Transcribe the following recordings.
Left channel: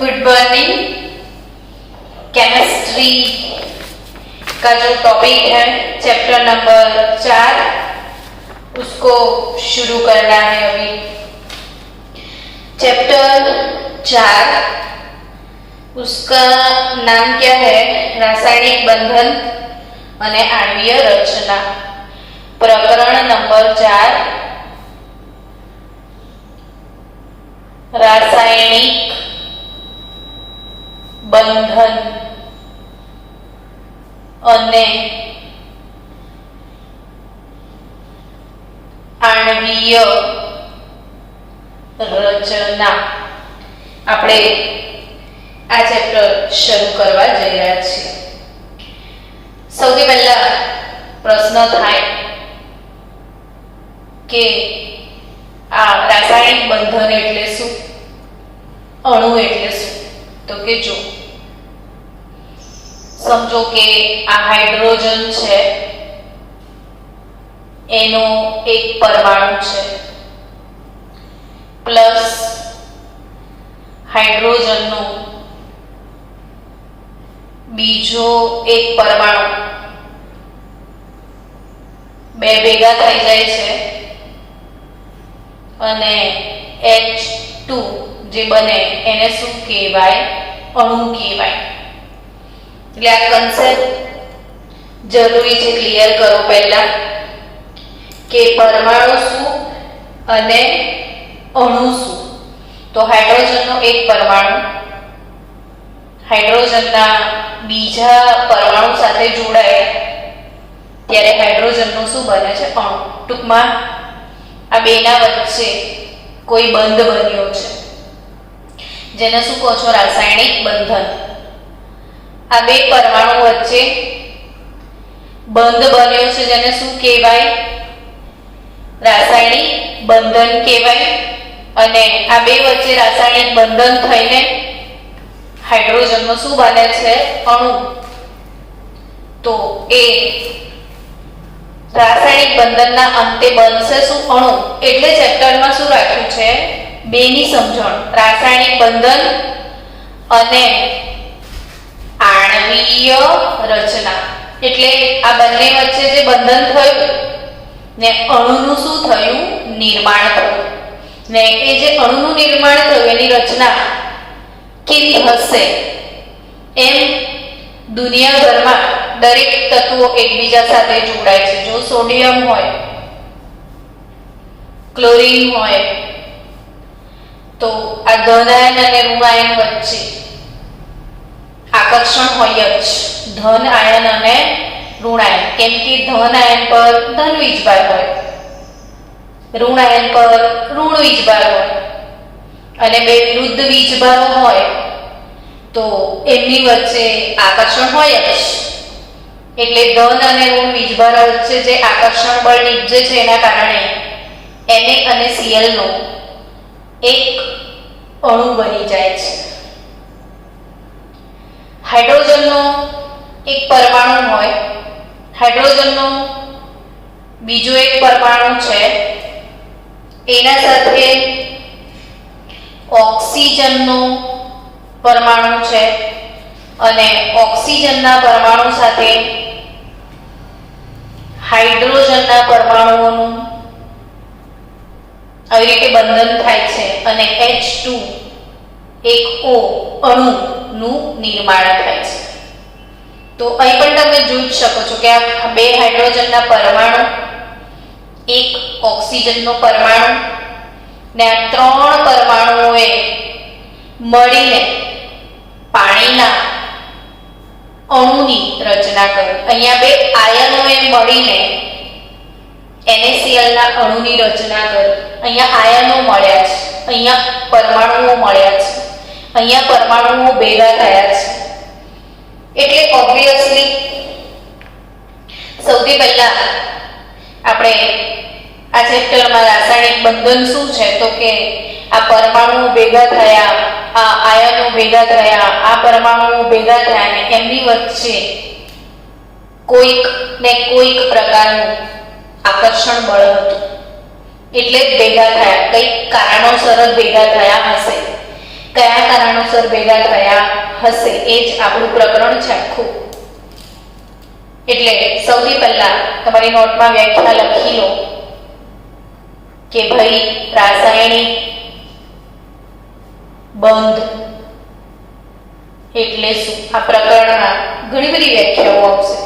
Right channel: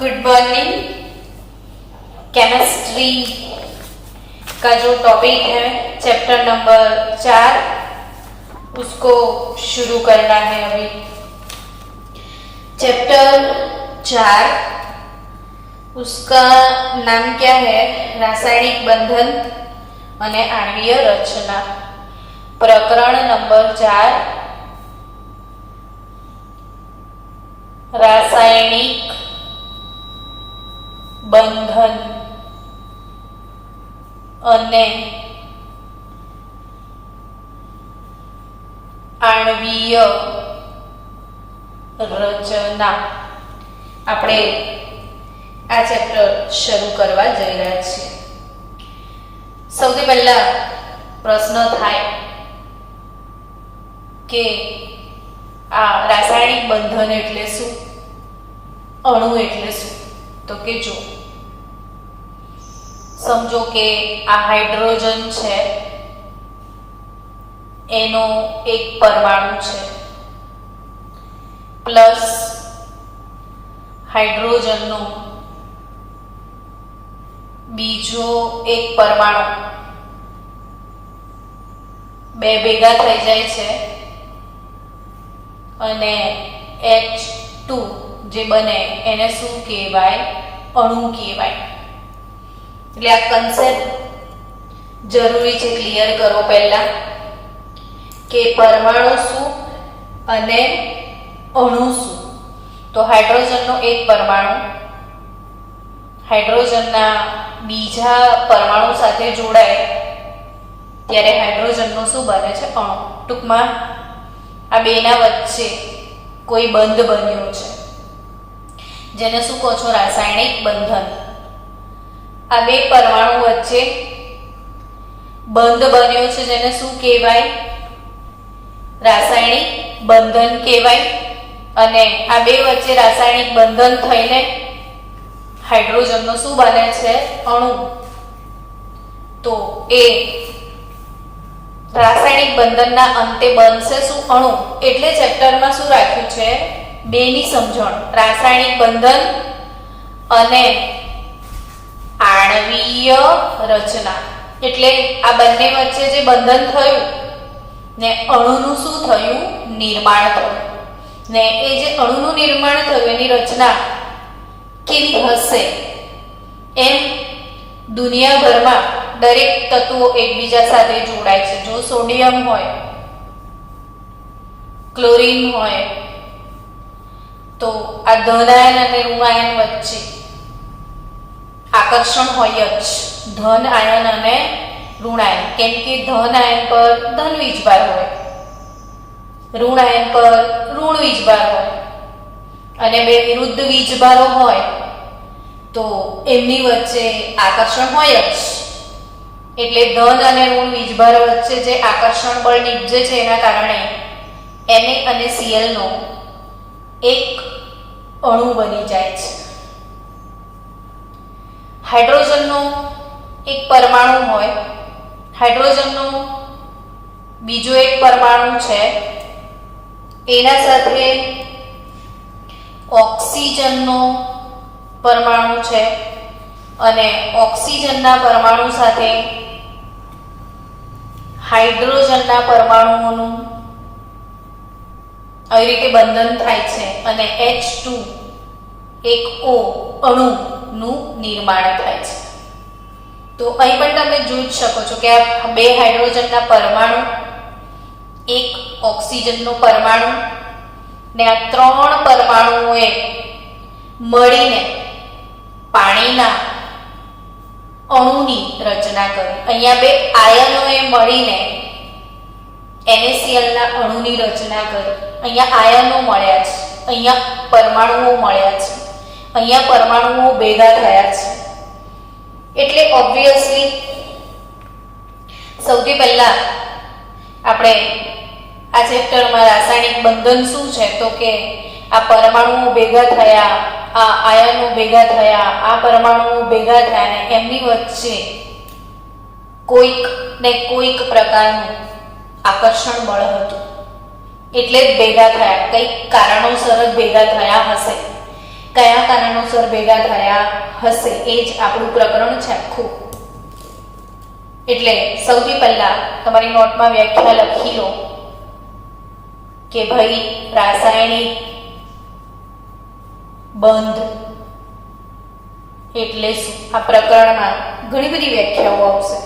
Good morning. Chemistry का जो topic है चैप्टर नंबर 4 उसको शुरू करना है अभी। चैप्टर 4 उसका नाम क्या है? रासायनिक बंधन અને आणवीय रचना। प्रकरण नंबर 4 रासायनिक बंधन અને आणवीय रचना આપણે આ ચેપ્ટર શરૂ કરવા જઈ રહ્યા છીએ। સૌથી પહેલા પ્રશ્ન થાય કે આ રાસાયણિક બંધન એટલે શું, અણુ એટલે શું? તો કે જો સમજો કે આ હાઇડ્રોજન છે, એનો એક પરમાણુ છે પ્લસ હાઇડ્રોજનનો બીજો એક પરમાણુ, બે ભેગા થઈ જાય છે અને H2 જે બને એને શું કહેવાય? અણુ કહેવાય। એટલે આ કન્સેપ્ટ જરૂરી છે ક્લિયર કરો પહેલા કે પરમાણુ શું અને અણુ શું। તો હાઇડ્રોજનનો એક પરમાણુ હાઇડ્રોજનના બીજા પરમાણુ સાથે જોડાય ત્યારે હાઇડ્રોજનનું શું બને છે? અણુ। ટૂંકમાં આ બેના વચ્ચે કોઈ બંધ બન્યો છે જેને શું કહો છો? રાસાયણિક બંધન। આ બે પરમાણુ વચ્ચે બંધ બન્યો છે જેને શું કહેવાય? રાસાયણિક બંધન કહેવાય। અને આ બે વચ્ચે રાસાયણિક બંધન થઈને હાઇડ્રોજનનો શું બને છે? અણુ। તો એ રાસાયણિક બંધનના અંતે બનશે શું? અણુ। એટલે ચેપ્ટરમાં શું રાખ્યું છે? બેની સમજણ, રાસાયણિક બંધન અને आणवीय રચના। એટલે આ બંને વચ્ચે જે બંધન થયું ને અણુનું શું થયું? નિર્માણ થયું। ને એ જે અણુનું નિર્માણ થયું એની રચના કેવી હશે? એમ દુનિયાભરમાં દરેક તત્વો એકબીજા સાથે જોડાય છે। જો સોડિયમ હોય, ક્લોરીન હોય તો આ ધન આયન અને ઋણ આયન વચ્ચે આકર્ષણ હોય જ, ધન આયન અને ઋણ આયન। કેમ કે ધન આયન પર ધન વીજભાર હોય, ઋણ આયન પર ઋણ વીજભાર હોય અને બે વિરુદ્ધ વીજભારો હોય તો એમની વચ્ચે આકર્ષણ હોય જ। એટલે ધન અને ઋણ વીજભારો વચ્ચે જે આકર્ષણ બળ નીપજે છે એના કારણે Na અને Cl નો એક અણુ બની જાય છે। હાઇડ્રોજનનો એક પરમાણુ હોય, હાઇડ્રોજનનો બીજો એક પરમાણુ છે, એના સાથે ઓક્સિજનનો પરમાણુ છે અને ઓક્સિજનના પરમાણુ સાથે હાઇડ્રોજનના પરમાણુઓનું આવી રીતે બંધન થાય છે અને H2 એક O અણુનું નિર્માણ થાય છે। તો અહીં પણ તમે જોઈ શકો છો કે આ બે હાઇડ્રોજનના પરમાણુ, એક ઓક્સિજનનો પરમાણુ ને આ ત્રણ પરમાણુઓએ મળીને પાણીના અણુની રચના કરી। અહીંયા બે આયનોએ મળીને NaCl ના અણુની રચના કરી। અહીંયા આયનો મળ્યા છે, અહીંયા પરમાણુઓ મળ્યા છે, અહીંયા પરમાણુઓ ભેગા થયા છે। એટલે ઓબ્વિયસલી સૌથી પહેલા આપણે આ ચેપ્ટરમાં રાસાયણિક બંધન શું છે તો કે આ પરમાણુઓ ભેગા થયા, આ આયનો ભેગા થયા, આ પરમાણુઓ ભેગા થયા ને એમની વચ્ચે કોઈક ને કોઈક પ્રકારનું આકર્ષણ બળ હતું। એટલે જ ભેગા થયા, કંઈક કારણોસર જ ભેગા થયા હશે। કયા કારણોસર ભેગા થયા હશે, એ જ આપણું પ્રકરણ છે આખું. એટલે સૌથી પહેલા તમારી નોટમાં વ્યાખ્યા લખી લો કે ભાઈ રાસાયણિક બંધ એટલે શું. આ પ્રકરણમાં ઘણી બધી વ્યાખ્યાઓ આવશે,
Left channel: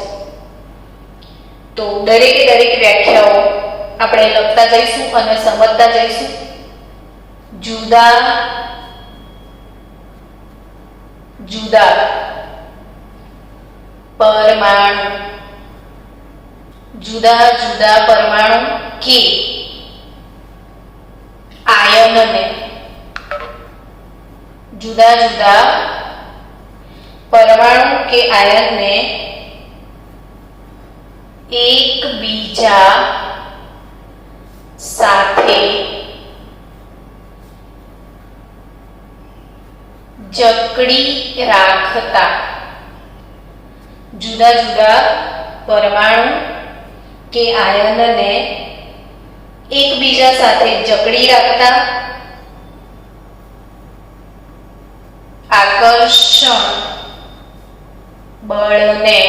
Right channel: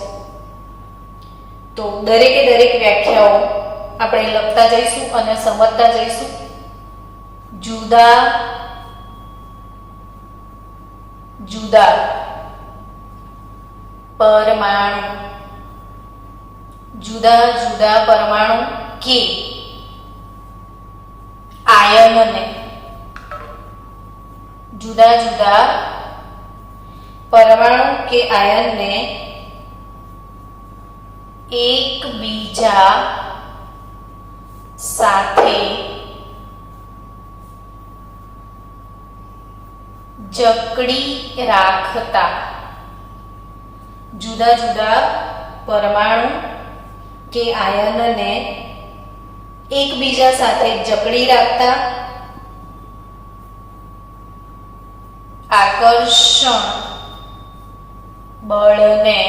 તો દરેકે દરેક વ્યાખ્યાઓ આપણે લખતા જઈશું અને સમજતા જઈશું. જુદા જુદા પરમાણુ, જુદા જુદા પરમાણુ કે આયનને, જુદા જુદા પરમાણુ કે આયનને એકબીજા સાથે જકડી રાખતા, જુદા જુદા પરમાણુ કે આયનને એકબીજા સાથે જકડી રાખતા આકર્ષણ બળને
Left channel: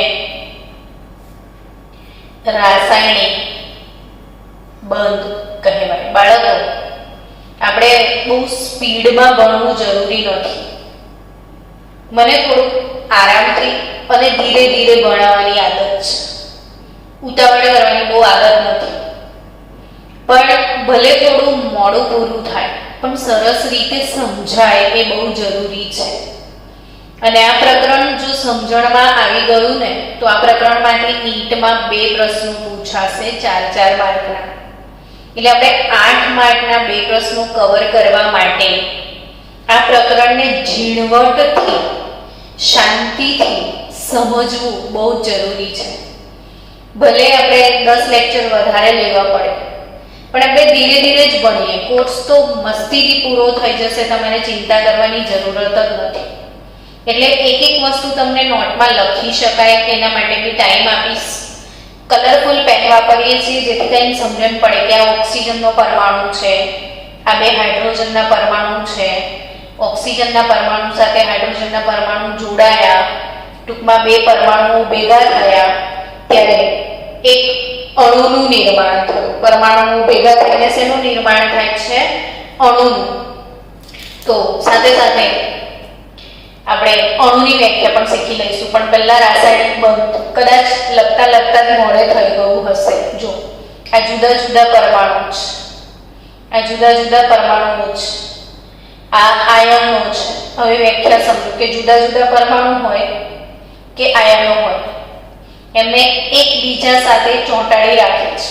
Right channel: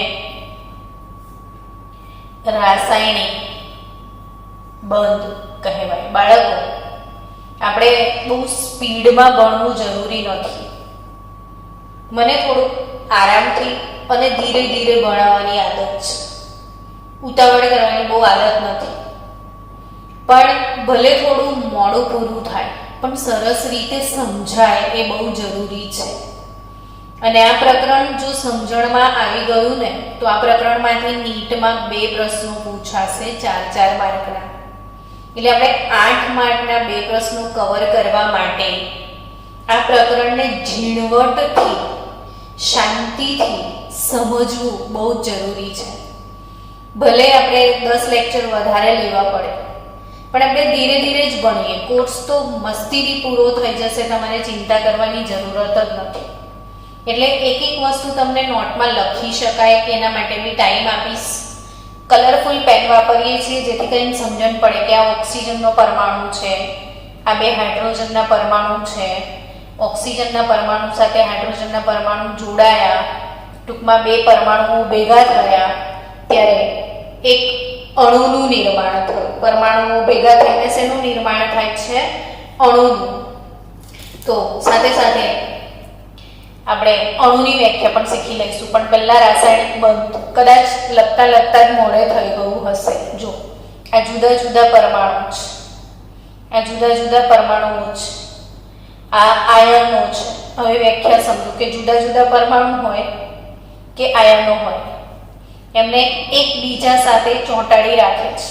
રાસાયણિક બંધ કહેવાય. બાળકો, આપણે બહુ સ્પીડમાં ભણવું જરૂરી નથી. મને થોડુંક આરામથી અને ધીરે ધીરે ભણાવવાની આદત છે. ઉતાવળ કરવાની બહુ આદત નથી. પણ ભલે થોડું મોડું પૂરું થાય પણ સરસ રીતે સમજાય એ બહુ જરૂરી છે. અને આ પ્રકરણ જો સમજણમાં આવી ગયું ને તો આ પ્રકરણમાંથી નીટમાં 2 પ્રશ્નો પૂછાશે 4-4 માર્કના. એટલે આપણે 8 માર્કના 2 પ્રશ્નો કવર કરવા માટે આ પ્રકરણને ઝીણવટથી શાંતિથી સમજવું બહુ જરૂરી છે. ભલે આપણે 10 લેક્ચર વધારે લેવા પડે પણ આપણે ધીરે ધીરે જ ભણીએ. કોર્સ તો મસ્તીથી પૂરો થઈ જશે, તમારે ચિંતા કરવાની જરૂરત જ નથી. એટલે એક એક વસ્તુ તમને નોટમાં લખી શકાય કે એના માટે બી ટાઈમ આપીશ. કલરફુલ પેન વાપરીએ છીએ જેથી કરીને સમજણ પડે કે આ ઓક્સિજનનો પરમાણુ છે, આ 2 હાઇડ્રોજનના પરમાણુ છે, ઓક્સિજનના પરમાણુ સાથે હાઇડ્રોજનના પરમાણુ જોડાયા, ટૂંકમાં 2 પરમાણુઓ ભેગા થયા ત્યારે એક અણુનું નિર્માણ થયું. પરમાણુઓ ભેગા થઈને શેનું નિર્માણ થાય છે? અણુનું. તો સાથે સાથે આપણે અણુની વ્યાખ્યા પણ શીખી લઈશું. પણ પહેલા રાસાયણિક બંધ કદાચ લખતા લખતા જ મોડે થઈ ગયું હશે. જો આ જુદા જુદા પરમાણુ છે, આ જુદા જુદા પરમાણુઓ છે, આ આયનો છે. હવે વ્યાખ્યા સમજો કે જુદા જુદા પરમાણુ હોય કે આયનો હોય એમને એકબીજા સાથે ચોંટાડી રાખે છે.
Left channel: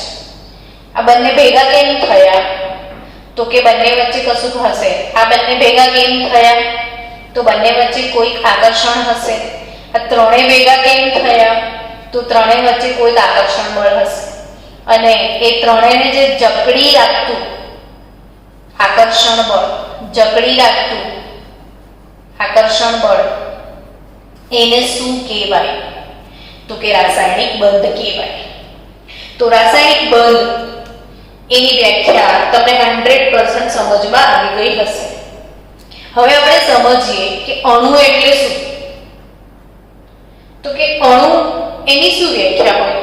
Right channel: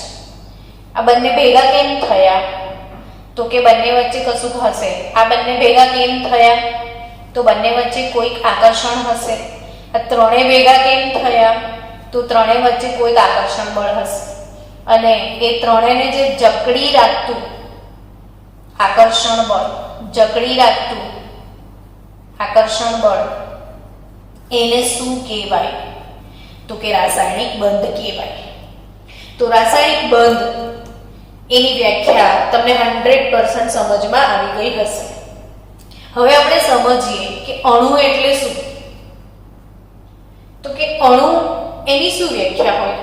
આ બંને ભેગા કેમ થયા? તો કે બંને વચ્ચે કશું હશે. આ બંને ભેગા કેમ થયા? તો બંને વચ્ચે કોઈક આકર્ષણ હશે. આ ત્રણે ભેગા કેમ થયા? તો ત્રણે વચ્ચે કોઈક આકર્ષણ બળ હશે. અને એ ત્રણેને જે જકડી રાખતું આકર્ષણ બળ, જકડી રાખતું આકર્ષણ બળ, એને શું કહેવાય? તો કે રાસાયણિક બંધ કહેવાય. તો રાસાયણિક બંધ એની વ્યાખ્યા તમને 100% સમજમાં આવી ગઈ હશે. હવે આપણે સમજીએ કે અણુ એટલે શું. તો કે અણુ એની શું વ્યાખ્યા હોય?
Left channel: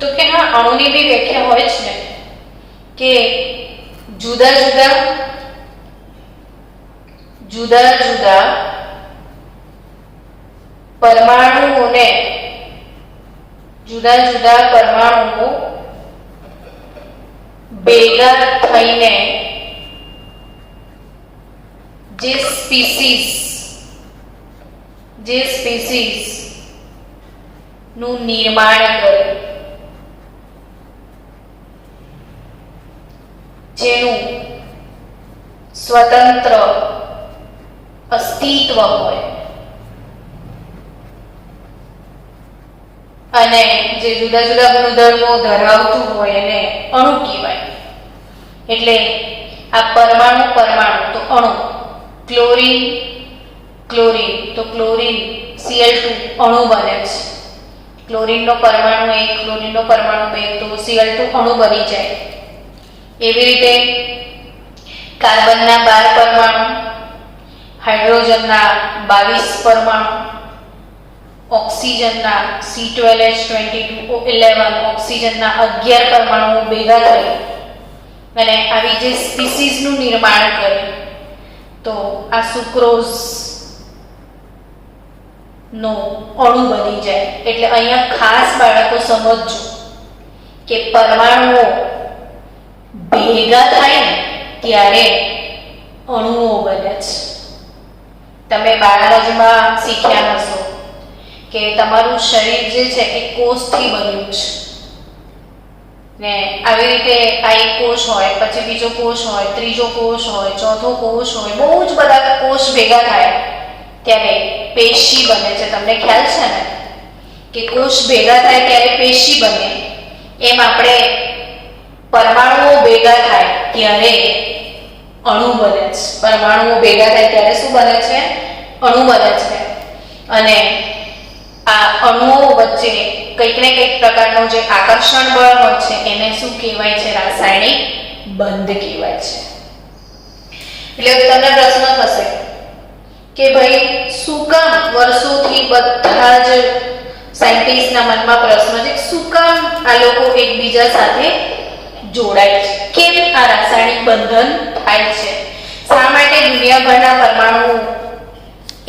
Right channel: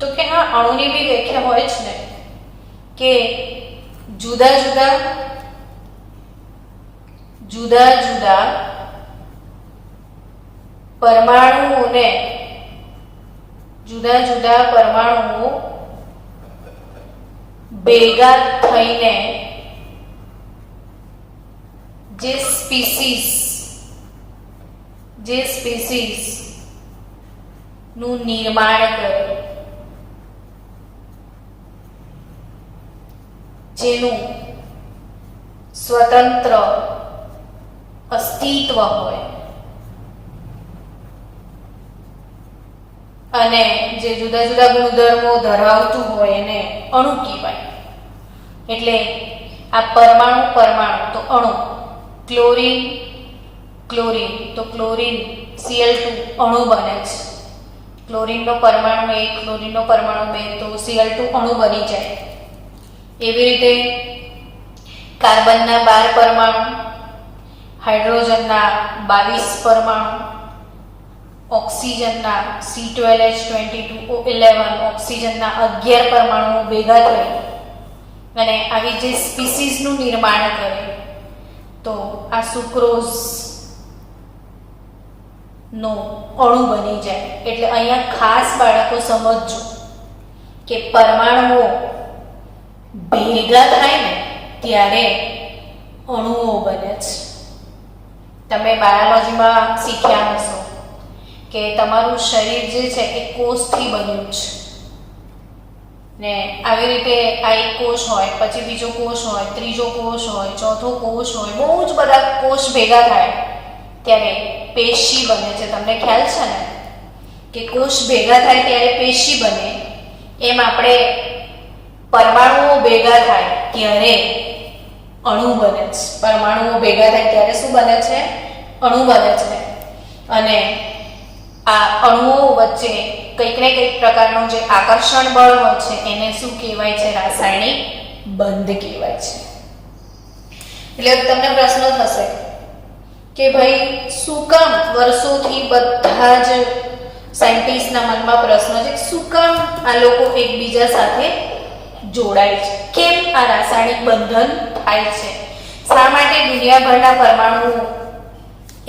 તો કે હા, અણુની બી વ્યાખ્યા હોય જ ને કે જુદા જુદા પરમાણુઓને, જુદા જુદા પરમાણુઓ ભેગા થઈને જે સ્પીસીસ નું નિર્માણ કરે, જેનું સ્વતંત્ર અસ્તિત્વ હોય અને જે જુદા જુદા ગુણધર્મો ધરાવતું હોય એને અણુ કહેવાય. એટલે આ પરમાણુ તો અણુ. ક્લોરીન તો ક્લોરીન Cl2 અણુ બને છે. ક્લોરીનનો પરમાણુ 1, ક્લોરીનનો પરમાણુ 2 તો Cl2 અણુ બની જાય. એવી રીતે કાર્બનના 12 પરમાણુ, હાઇડ્રોજનના 22 પરમાણુ, ઓક્સિજનના C12H22O11 ઓક્સિજનના 11 પરમાણુઓ ભેગા થઈ અને આવી જે સ્પીસીસનું નિર્માણ કરે તો આ સુક્રોઝ નો અણુ બની જાય. એટલે અહીંયા ખાસ બાળકો સમજજો કે પરમાણુઓ ભેગા થાય ને ત્યારે અણુઓ બને છે. તમે બાયોલોજીમાં શીખ્યા હશો કે તમારું શરીર જે છે એ કોષથી બન્યું છે ને આવી રીતે આ એક કોષ હોય, પછી બીજો કોષ હોય, ત્રીજો કોષ હોય, ચોથો કોષ હોય, બહુ જ બધા કોષ ભેગા થાય ત્યારે પેશી બને છે. તમને ખ્યાલ છે ને કે કોષ ભેગા થાય ત્યારે પેશી બને, એમ આપણે પરમાણુઓ ભેગા થાય ત્યારે અણુ બને છે. પરમાણુઓ ભેગા થાય ત્યારે શું બને છે? અણુ બને છે. અને આ અણુઓ વચ્ચે કંઈક ને કંઈક પ્રકારનો જે આકર્ષણ બળ હોય છે એને શું કહેવાય છે? રાસાયણિક બંધ કહેવાય છે. એટલે તમને પ્રશ્ન થશે કે ભાઈ શું કામ વર્ષોથી બધા જ સાયન્ટિસ્ટના મનમાં પ્રશ્ન છે શું કામ આ લોકો એકબીજા સાથે જોડાય છે? કેમ આ રાસાયણિક બંધન થાય છે? શા માટે દુનિયાભરના પરમાણુઓ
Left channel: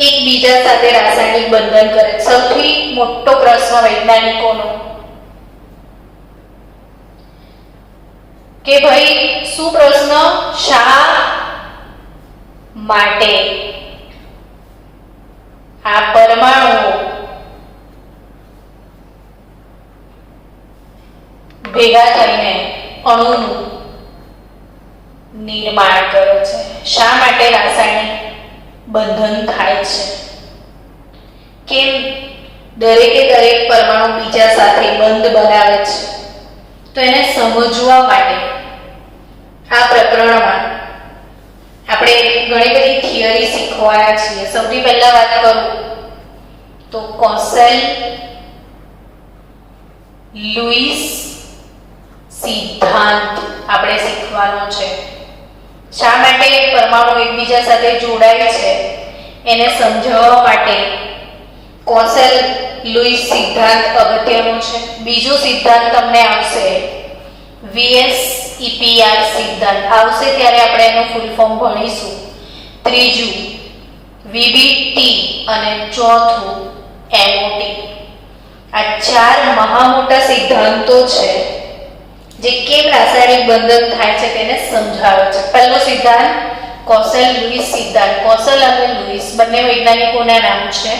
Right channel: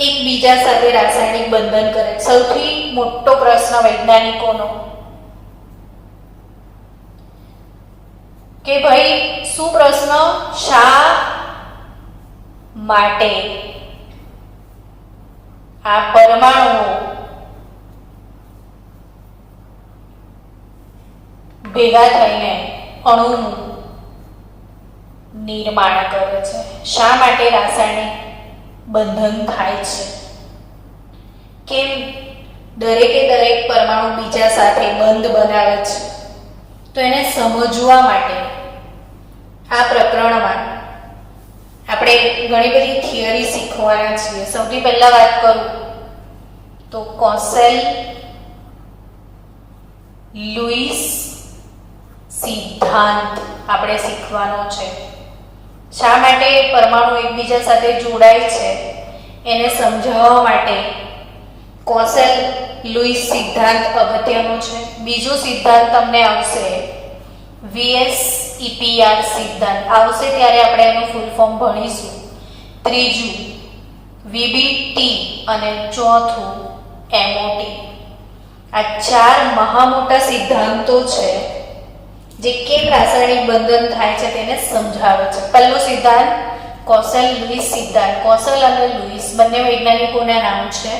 એકબીજા સાથે રાસાયણિક બંધન કરે? સૌથી મોટો પ્રશ્ન વૈજ્ઞાનિકોનો કે ભાઈ શું પ્રશ્ન? શા માટે આ પરમાણુઓ ભેગા થઈને અણુનું નિર્માણ કરે છે? શા માટે રાસાયણિક બંધન થાય છે? કેમ દરેકે દરેક પરમાણુ બીજા સાથે બંધ બનાવે છે? તો એને સમજવા માટે આ પ્રકરણમાં આપણે ઘણી બધી થિયરી શીખવાયા છીએ. સૌથી પહેલા વાત કરું તો કોસેલ-લુઈસ સિદ્ધાંત આપણે શીખવાનો છે. શા માટે પરમાણુ એકબીજા સાથે જોડાય છે એને સમજાવવા માટે કોસેલ-લુઈસ સિદ્ધાંત અગત્યનો છે. બીજો સિદ્ધાંત તમને આવશે VSEPR સિદ્ધાંત આવશે ત્યારે આપણે એનું ફૂલ ફોર્મ ભણીશું. ત્રીજું VBT અને ચોથું MOT. આ ચાર મહા મોટા સિદ્ધાંતો છે જે કેમ રાસાયણિક બંધન થાય છે તેને સમજાવે છે. પહેલો સિદ્ધાંત કોસેલ-લુઈસ સિદ્ધાંત. કોસેલ અને લુઈસ બંને વૈજ્ઞાનિકોના નામ છે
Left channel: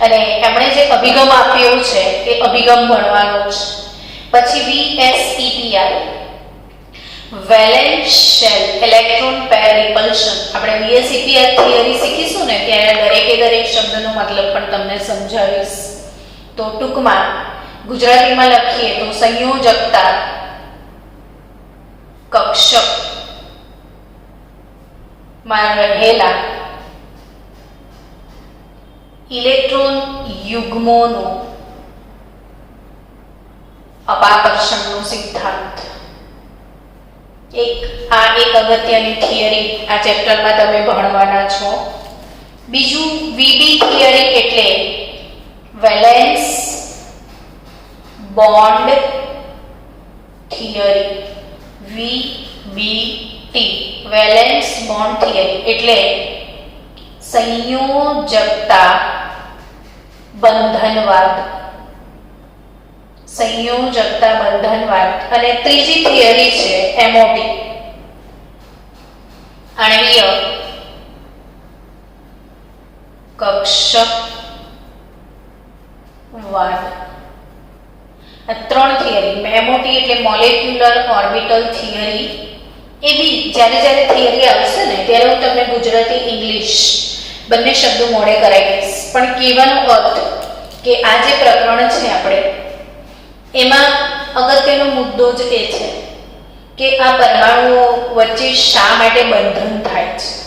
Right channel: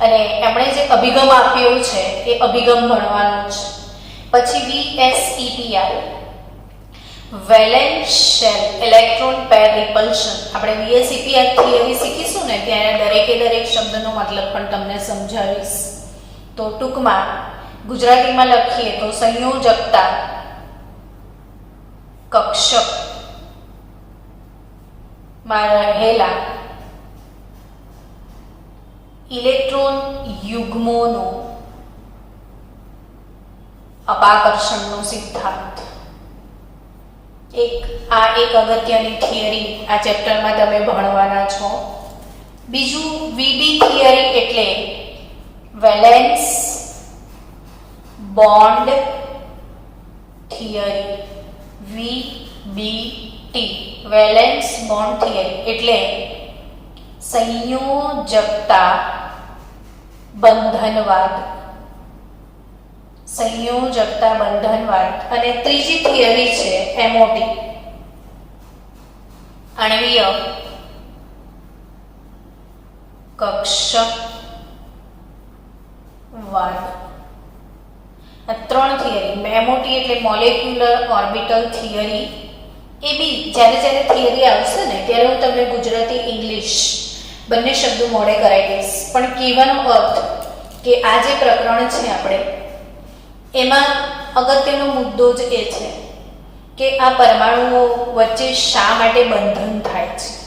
અને એમણે જે અભિગમ આપ્યો છે એ અભિગમ ભણવાનો છે. પછી VSEPR valence shell electron pair રિપલ્શન. આપણે VSEPR થિયરી શીખીશું ને ત્યારે દરેકે દરેક શબ્દનો મતલબ પણ તમને સમજાવીશ. તો ટૂંકમાં ગુજરાતીમાં લખીએ તો સંયોજકતા કક્ષક માં રહેલા ઇલેક્ટ્રોન યુગ્મોનો અપાકર્ષણનો સિદ્ધાંત. એક અગત્યની થિયરી આ ચેપ્ટરમાં તમે ભણવાના છો. બીજું VB થિયરી એટલે valence bond theory. VBT valence bond theory એટલે સંયોજકતા બંધનવાદ. સંયોજકતા બંધનવાદ. અને ત્રીજી થિયરી છે MOT આણ્વીય કક્ષકવાદ. આ ત્રણ થિયરી MOT એટલે મોલેક્યુલર ઓર્બિટલ થિયરી. એ બી જ્યારે થિયરી આવશે ને ત્યારે હું તમને ગુજરાતી ઇંગ્લિશ બંને શબ્દો મોડે કરાવી દઈશ. પણ કહેવાનો અર્થ કે આ જે પ્રકરણ છે આપણે એમાં અગત્યનો મુદ્દો જ એ છે કે આ પરમાણુઓ વચ્ચે શા માટે બંધન થાય છે?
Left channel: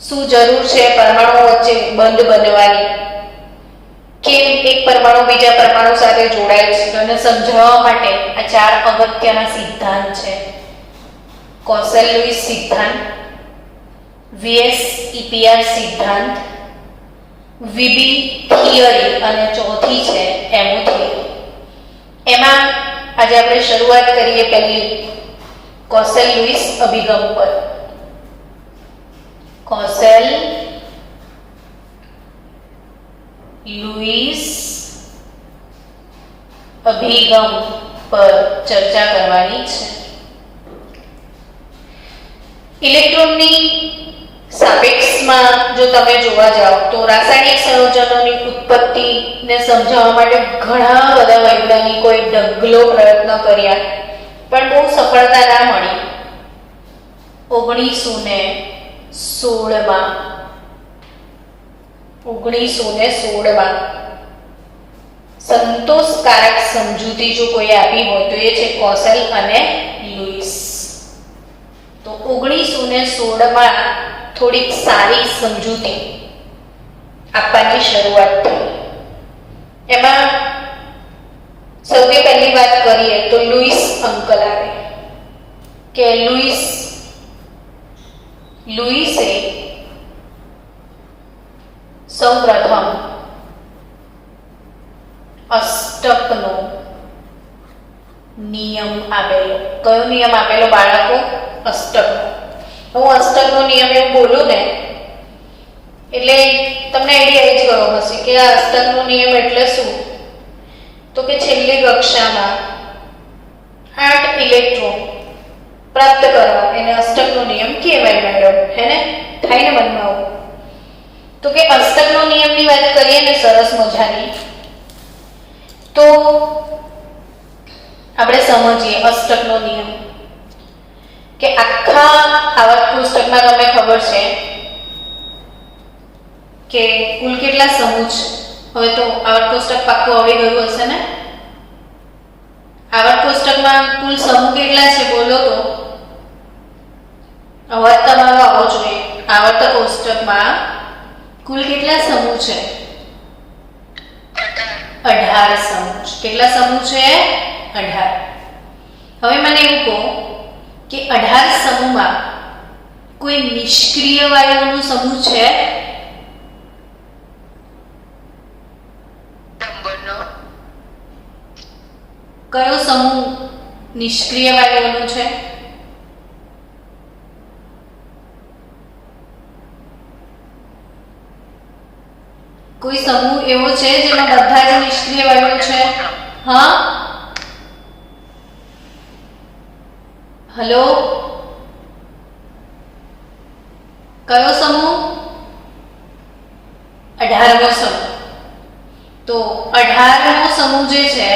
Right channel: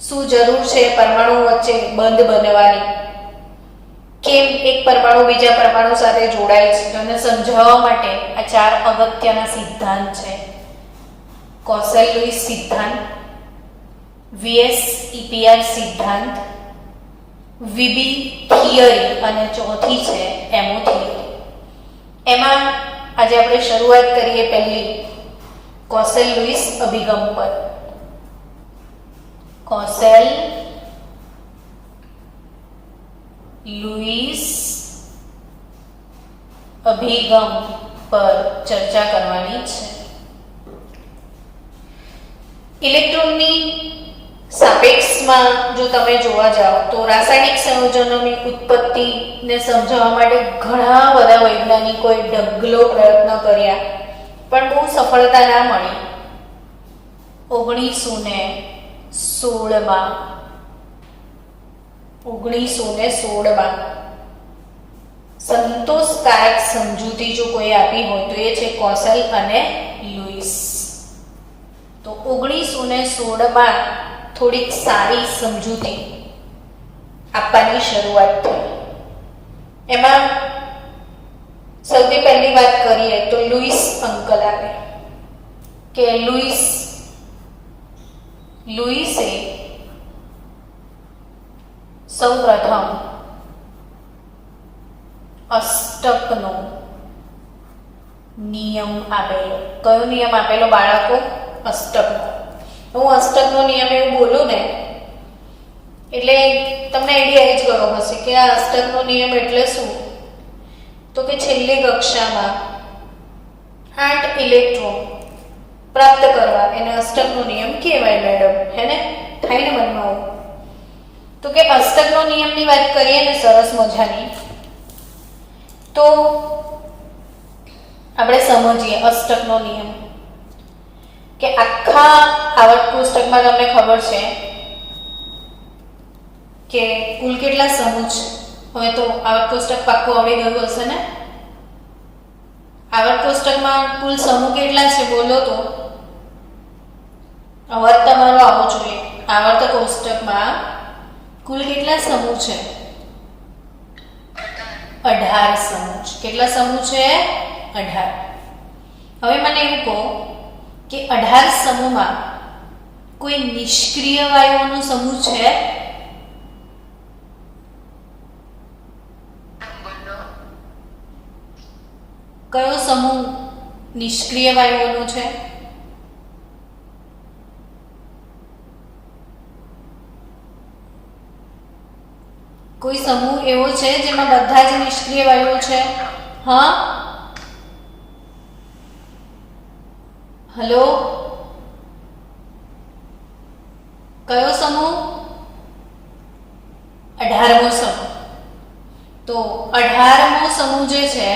શું જરૂર છે પરમાણુઓ વચ્ચે બંધ બનવાની? કેમ એક પરમાણુ બીજા પરમાણુ સાથે જોડાય છે? તેને સમજાવવા માટે આ ચાર અગત્યના સિદ્ધાંત છે. કોસેલ-લુઈસ સિદ્ધાંત, વીએસ ઈપીઆર સિદ્ધાંત, વીબી થિયરી અને ચોથી છે એમઓ થિયરી. એમાં આજે આપણે શરૂઆત કરીએ પહેલી કોસેલ લુઈસ અભિગમ પર. કોસેલ લુઈસ અભિગમ પર ચર્ચા કરવાની છે. ઇલેક્ટ્રોનની સાપેક્ષમાં જો તમે જોવા જાઓ તો રાસાયણિક સંયોજનોની ઉત્પત્તિને સમજાવવા માટે ઘણા બધા વૈજ્ઞાનિકોએ ઢગલો પ્રયત્ન કર્યા, પણ બહુ સફળતા ના મળી. 1916માં સંતોષકારક સમજૂતી જો કોઈ આપી હોય તો એ છે કોસેલ અને લુઈસ. તો 1916માં થોડીક સારી સમજૂતી આપવાની શરૂઆત થઈ. એમાં સૌથી પહેલી વાત કરીએ તો લુઈસ અંકલ આવે કે લુઈસે સૌપ્રથમ અષ્ટકનો નિયમ આપેલો. કયો નિયમ આપેલો બાળકો? અષ્ટકનો. હું અષ્ટકનો નિયમ એવું બોલું ને એટલે તમને આઈડિયા એ જ ગયો હશે કે આ અષ્ટકનો નિયમ એટલે શું. તો કે છેલ્લી કક્ષામાં 8 ઇલેક્ટ્રોન પ્રાપ્ત કરવા એને અષ્ટકનો નિયમ કહેવાય મેડમ, હે ને? થાય ને મનમાં આવું? તો કે અષ્ટકનો નિયમની વાત કરીએ ને સરસ મજાની, તો આપણે સમજીએ અષ્ટકનો નિયમ કે આખા આવર્ત કોષ્ટકમાં તમને ખબર છે કે કુલ કેટલા સમૂહ છે. હવે તો આવર્ત કોષ્ટક પાક્કું આવી ગયું હશે ને? આવર્ત કોષ્ટકમાં કુલ સમૂહ કેટલા છે બોલો તો? અવાજ તમારો આવવો જોઈએ. આવર્ત કોષ્ટકમાં કુલ કેટલા સમૂહ છે? 18 સમૂહ. કેટલા સમૂહ છે? 18. હવે મને એવું કહો કે 18 સમૂહમાં કોઈ નિષ્ક્રિય વાયુઓનો સમૂહ છે? કયો સમૂહ નિષ્ક્રિય વાયુઓનો છે? કોઈ સમૂહ એવો છે જેમાં બધા જ નિષ્ક્રિય વાયુઓ છે? હા, હલો, કયો સમૂહ? 18મો સમૂહ. તો 18મો સમૂહ જે છે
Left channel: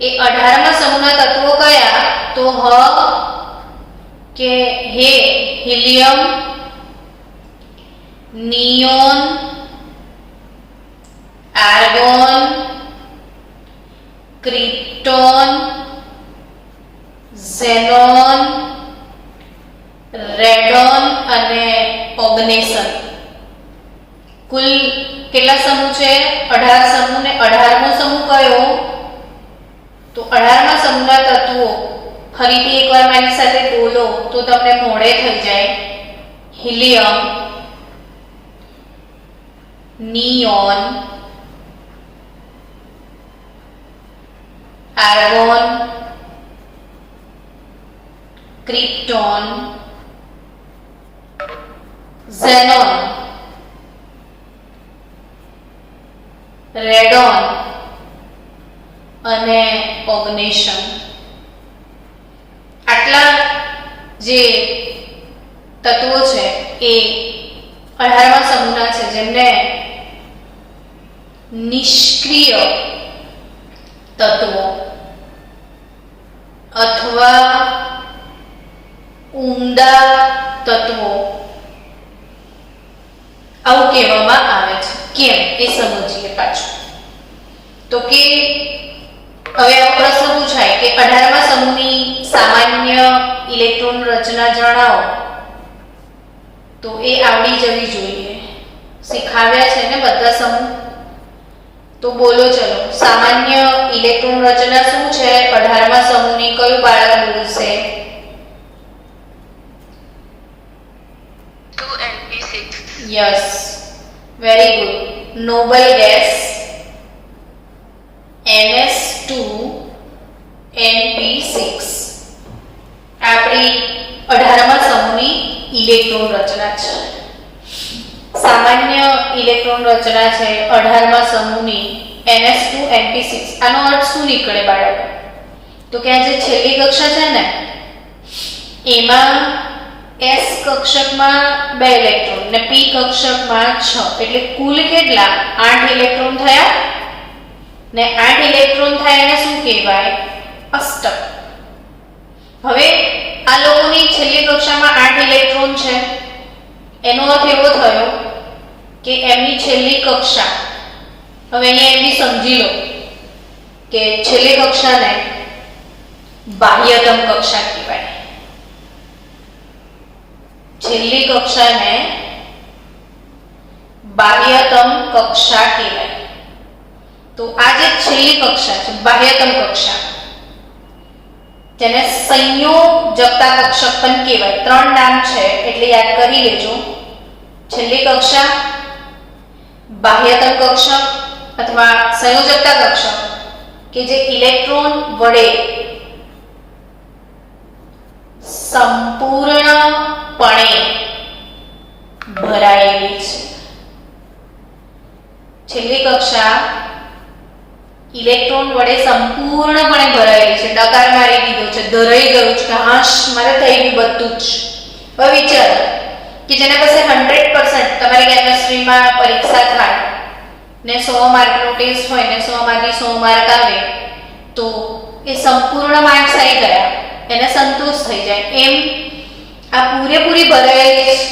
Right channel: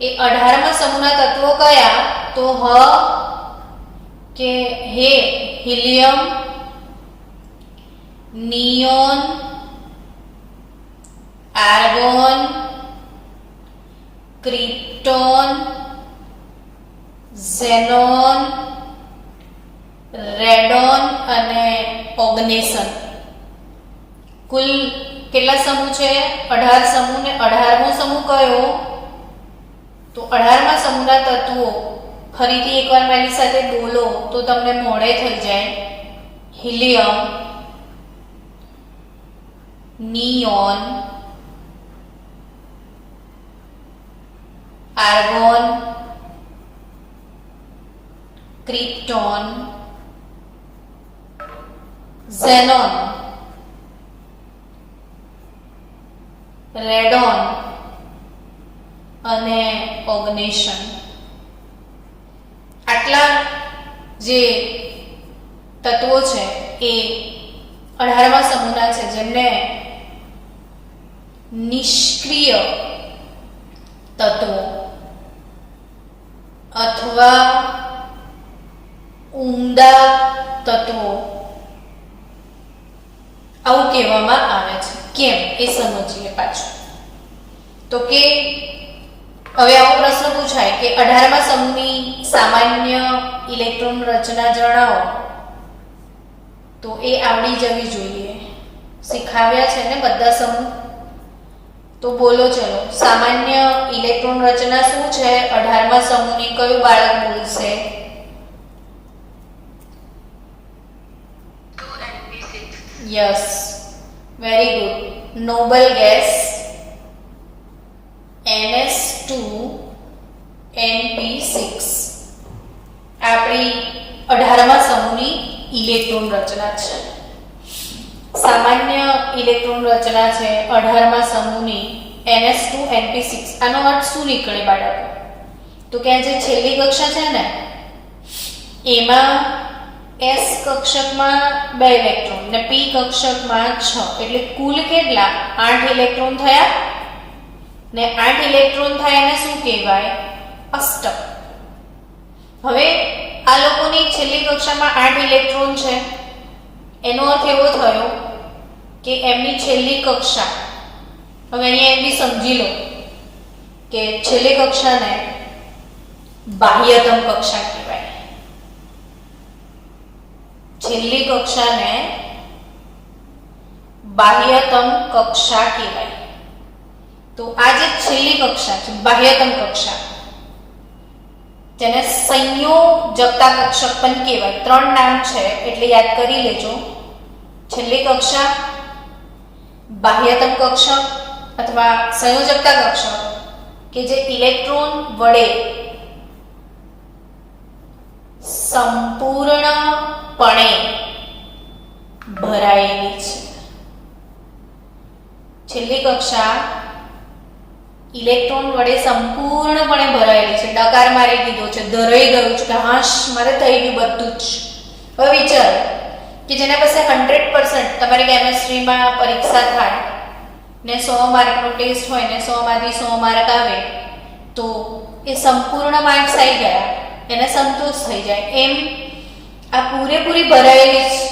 એ 18મા સમૂહના તત્વો કયા? તો helium, neon, argon, krypton, xenon, radon અને ઓગ્નેસન. કુલ કેટલા સમૂહ છે? 18 સમૂહ. ને 18મો સમૂહ કયો? તો 18મા સમૂહના તત્વો ફરીથી એકવાર મારી સાથે બોલો તો તમને મોડે થઈ જાય. Helium, neon, argon, krypton, xenon, radon અને ઓગ્નેશન. આટલા જે તત્વો છે એ 18મા સમૂહના છે જેમને નિષ્ક્રિય તત્વો અથવા ઊંડા તત્વો આવું કહેવામાં આવે છે. કેમ એ સમજીએ પાછું. તો કે હવે આવો પ્રશ્ન પૂછાય કે 18મા સમૂહની સામાન્ય ઇલેક્ટ્રોન રચના જણાવો. તો એ આવડી જવી જોઈએ. શીખાવ્યા છે ને બધા સમૂહ? તો બોલો ચલો, સામાન્ય ઇલેક્ટ્રોન રચના શું છે 18મા સમૂહની? કયું બાળક બોલશે? Yes, very good. Noble gas Ns2Np6 આપણી 18મા સમૂહની ઇલેક્ટ્રોન રચના છે. સામાન્ય ઇલેક્ટ્રોન રચના છે 18મા સમૂહની Ns2Np6. આનો અર્થ શું નીકળે બાળકો? તો કે આ જે છેલ્લી કક્ષા છે ને એમાં S કક્ષકમાં 2 ઇલેક્ટ્રોન ને P કક્ષકમાં 6, એટલે કુલ કેટલા? 8 ઇલેક્ટ્રોન થયા ને 8 ઇલેક્ટ્રોન થાય એને શું કહેવાય? અષ્ટક. હવે આ લોકોની છેલ્લી કક્ષામાં 8 ઇલેક્ટ્રોન છે, એનો અર્થ એવો થયો કે એમની છેલ્લી કક્ષા, હવે અહીંયા એમ બી સમજી લો કે છેલ્લી કક્ષાને બાહ્યતમ કક્ષા કહેવાય. છેલ્લી કક્ષાને બાહ્યતમ કક્ષા કહેવાય. તો આ જે છેલ્લી કક્ષા છે બાહ્યતમ કક્ષા, જેને સંયોજકતા કક્ષક પણ કહેવાય. 3 નામ છે એટલે યાદ કરી લેજો. છેલ્લી કક્ષા, બાહ્યતમ કક્ષક અથવા સંયોજકતા કક્ષક કે જે ઇલેક્ટ્રોન વડે સંપૂર્ણપણે ભરાયેલી છે. છેલ્લી કક્ષા ઇલેક્ટ્રોન વડે સંપૂર્ણપણે ભરાયેલી છે. ડકાર મારી દીધો છે, ધરાઈ ગયું છે કે હાશ મારે થઈ ગયું બધું જ. હવે વિચારો કે જેના પાસે 100% તમારી કેમેસ્ટ્રીમાં પરીક્ષા થાય ને 100 માર્કનો ટેસ્ટ હોય ને 100 માંથી 100 માર્ક આવે તો એ સંપૂર્ણ માર્ક્સ આવી ગયા, એને સંતોષ થઈ જાય. એમ આ પૂરેપૂરી ભરાયેલી છે.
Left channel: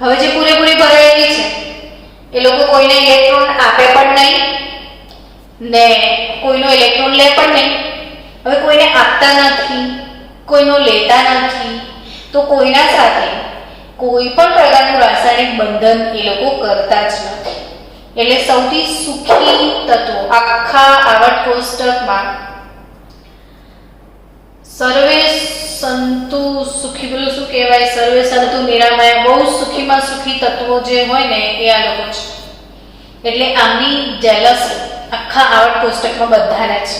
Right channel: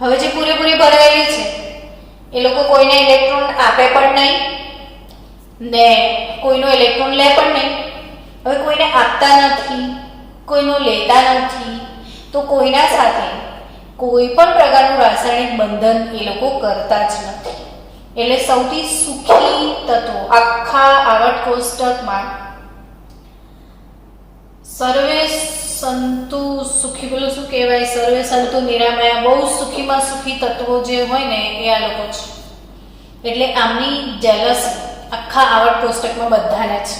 હવે જે પૂરેપૂરી ભરાયેલી છે એ લોકો કોઈને ઇલેક્ટ્રોન આપે પણ નહીં ને કોઈનો ઇલેક્ટ્રોન લે પણ નહીં. હવે કોઈને આપતા નથી, કોઈનો લેતા નથી, તો કોઈના સાથે કોઈ પણ પ્રકારનું રાસાયણિક બંધન એ લોકો કરતા જ નથી. એટલે સૌથી સુખી તત્વો આખા આવર્ત કોષ્ટકમાં સર્વે સંતુ સુખી, પેલું શું કહેવાય, સર્વે સંતુ નિરામયા, બહુ સુખીમાં સુખી તત્વો જે હોય ને એ આ લોકો છે. એટલે આમની જેલસી આખા આવર્ત કોષ્ટકમાં બધાને છે.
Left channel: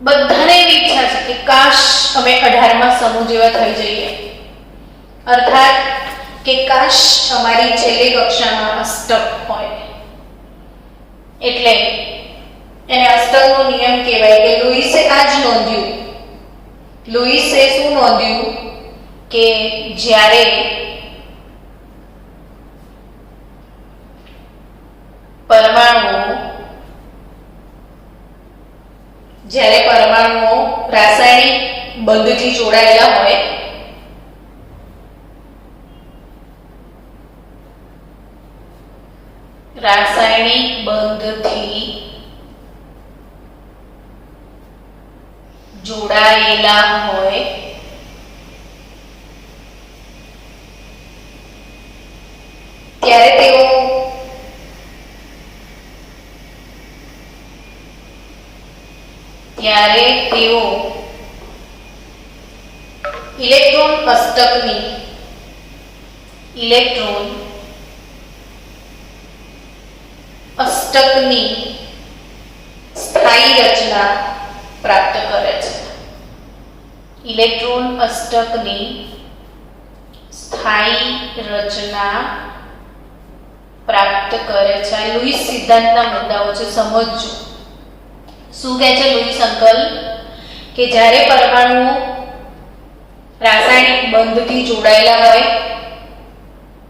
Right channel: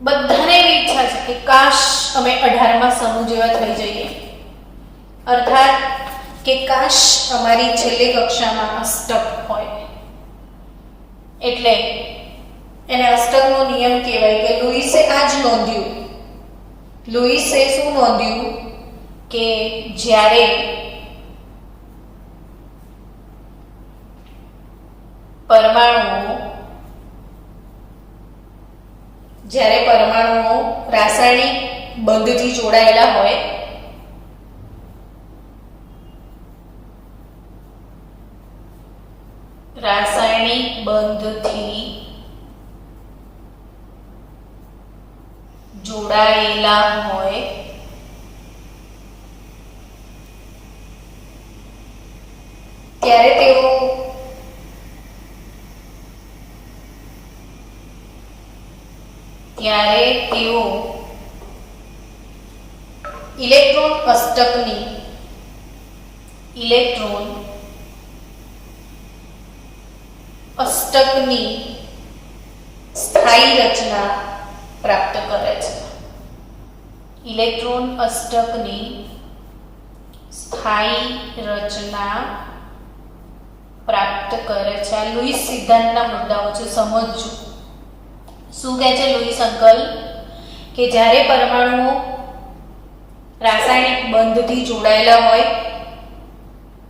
બધાને એવી ઈચ્છા છે કે કાશ અમે 18મા સમૂહ જેવા થઈ જઈએ, અર્થાત કે કાશ અમારી છેલ્લી કક્ષામાં અષ્ટક હોય. એટલે એને અષ્ટકનો નિયમ કહેવાય કે લુઈસે આ જ નોંધ્યું. લુઈસે શું નોંધ્યું કે જ્યારે પરમાણુઓ રાસાયણિક બંધથી જોડાયેલા હોય રાસાયણિક બંધથી જોડાયેલા હોય ત્યારે તેઓ ઇલેક્ટ્રોન અષ્ટકની સ્થાયી રચના પ્રાપ્ત કરે છે. ઇલેક્ટ્રોન અષ્ટકની સ્થાયી રચના પ્રાપ્ત કરે છે. આ લુઈસ સિદ્ધાંતના મુદ્દાઓ છે, સમજજો. શું કહે છે લુઈસ અંકલ કે જ્યારે પરમાણુઓ રાસાયણિક બંધથી જોડાયેલા હોય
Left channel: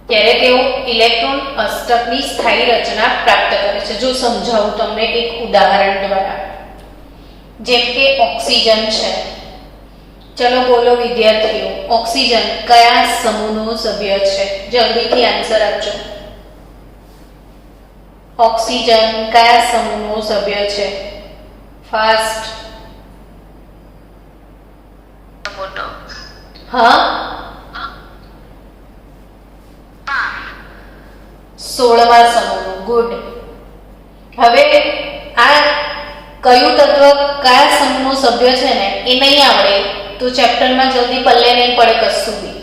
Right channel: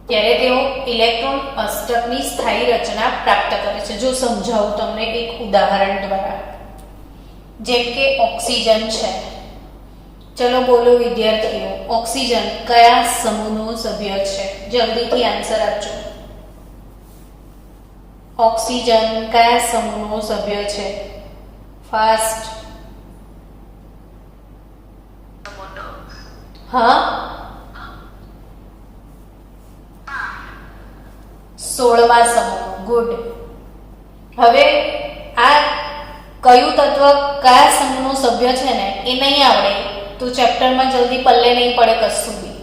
ત્યારે તેઓ ઇલેક્ટ્રોન અષ્ટકની સ્થાયી રચના પ્રાપ્ત કરે છે. જો સમજાવું તમને એક ઉદાહરણ દ્વારા, જેમ કે ઓક્સિજન છે. ચલો બોલો વિદ્યાર્થીઓ, ઓક્સિજન કયા સમૂહનો સભ્ય છે? જલ્દીથી આન્સર આપજો. ઓક્સિજન કયા સમૂહનો સભ્ય છે? ફાસ્ટ. હા, 16મા સમૂહ. ગુડ. હવે આ કયું તત્વ કયા સમૂહનો સભ્ય છે ને એ નહીં આવડે તો ચેપ્ટરમાં જલ્દી પલ્લે નહીં પડે કશું બી.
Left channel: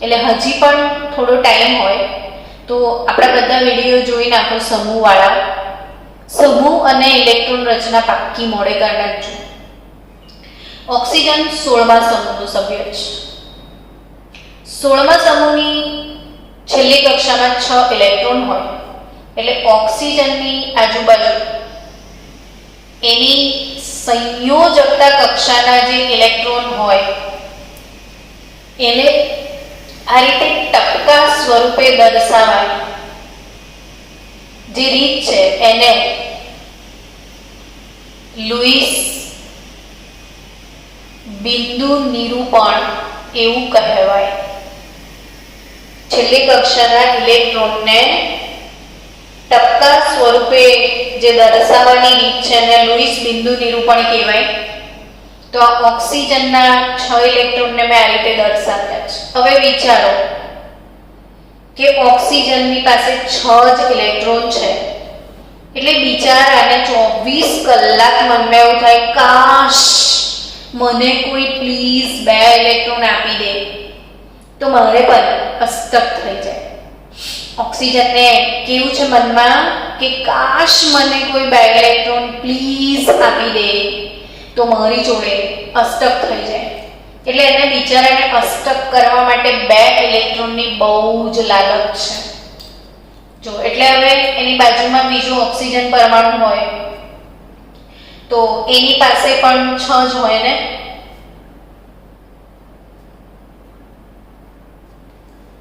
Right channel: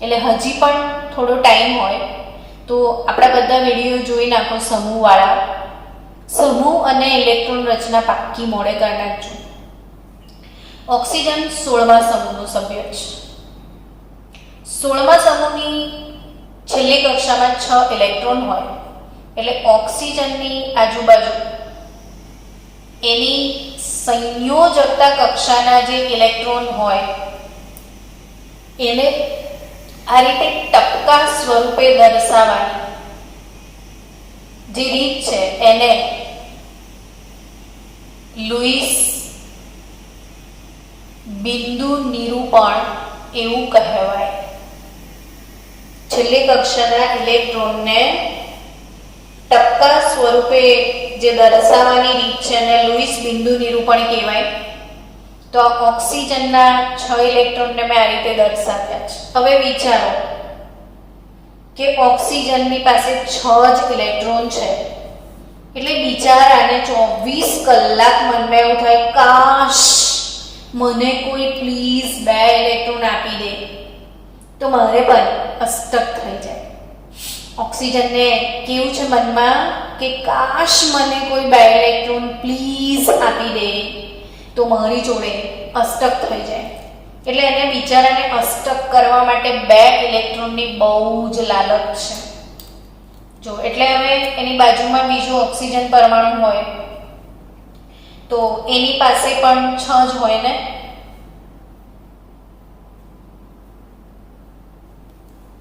એટલે હજી પણ થોડો ટાઈમ હોય તો આપણા બધા વિડીયો જોઈ નાખો સમૂહવાળા. સમૂહ અને ઇલેક્ટ્રોન રચના પાક્કી મોડે કરી નાખજો. ઓક્સિજન 16મા સમૂહનો સભ્ય છે. 16મા સમૂહની છેલ્લી કક્ષામાં 6 ઇલેક્ટ્રોન હોય એટલે ઓક્સિજનની આજુબાજુ એની સંયોજકતા કક્ષાના જે ઇલેક્ટ્રોન હોય એને આ રીતે ટપકા સ્વરૂપે દર્શાવવાની જે રીત છે એને લુઈસ બિંદુ નિરૂપણ એવું કહેવાય. છેલ્લી કક્ષાના ઇલેક્ટ્રોનને ટપકા સ્વરૂપે જે દર્શાવવાની રીત છે એને લુઈસ બિંદુ નિરૂપણ કહેવાય. તો આ ઓક્સિજનના 6 ઇલેક્ટ્રોનને મેં આ રીતે દર્શાવ્યા છે. હવે વિચારો કે ઓક્સિજનની પાસે 6 જ ઇલેક્ટ્રોન છે એટલે બિચારાને 24 કલાક મનમાં એવું થાય કાશ મને કોઈ પ્લીઝ 2 ઇલેક્ટ્રોન આપી દે તો મારે પણ અસ્તક થઈ જાય. ઓક્સિજનને કેવું છે મનમાં કે કાશ મને કોઈ 2 ઇલેક્ટ્રોન પ્લીઝ આપી દે તો મારી જોડે અષ્ટક થઈ જાય. એટલે એને બિચારાને અષ્ટક કરવા માટે 2 ઇલેક્ટ્રોનની બહુ જ લાલચ છે. જો એટલે હવે એની બાજુમાં બીજું ઓક્સિજન પરમાણુ હોય તો એની પાસે પણ 6 જ હોય ને.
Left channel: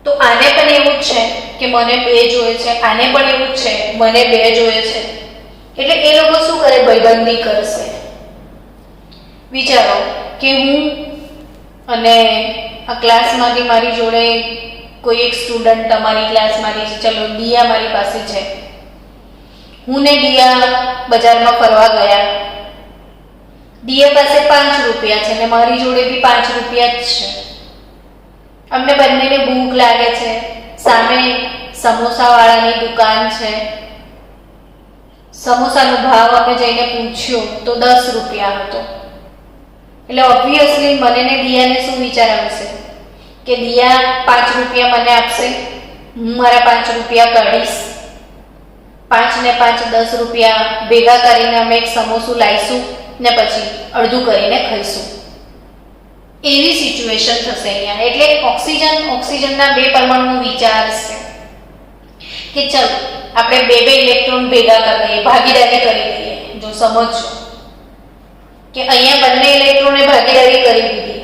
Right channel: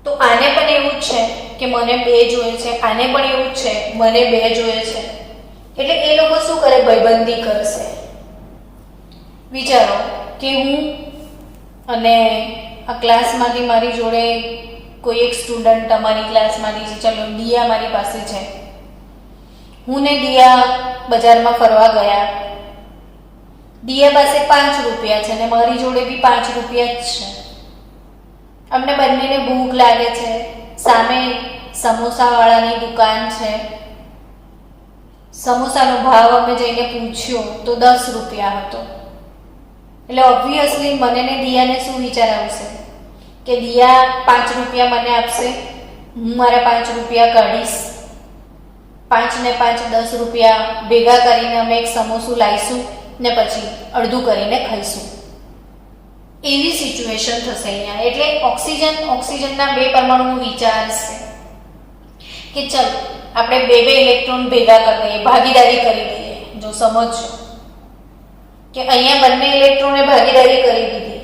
તો આને પણ એવું જ છે કે મને 2 જોઈએ છે, આને પણ એવું જ છે મને 2 જોઈએ છે. એટલે એ લોકો શું કરે? ભાઈબંધી કરશે. વિચારો કે હું અને આ ક્લાસમાંથી મારી જોડે કોઈ એક સ્ટુડન્ટ તમારી ક્લાસમાંથી છે, ચલો દિયા મારી પાસે છે, હું ને દિયા બજારમાં ફરવા ગયા. દિયા પાસે 5 રૂપિયા છે અને મારી જોડે બી 5 રૂપિયા જ છે. અમને બંનેને ભૂખ લાગે છે. સામે સમોસાવાળાની દુકાન છે. સમોસાનો ભાવ અમે જઈને પૂછ્યો તો 10 રૂપિયા હતો. એટલે ઓબ્વિયસલી મને ને દિયાને શું વિચાર આવશે કે દિયા 5 રૂપિયા મને આપશે, હું મારા 5 રૂપિયા કાઢીશ, 5 ને 5 10 રૂપિયા ભેગા કરીને અમે એક સમોસું લાવીશું ને પછી અડધું કરીને ખાઈશું. એવી સિચ્યુએશન થશે અહીંયા. એટલે ઓક્સિજનના 2 પરમાણુ વિચારશે કે ચલ આપણે 2 ઇલેક્ટ્રોન ભેગા કરી દઈએ, ભાગીદારી કરી દઈએ. જો સમજો કે અહીંયા બંને ઇલેક્ટ્રોને ભાગીદારી કરી દીધી.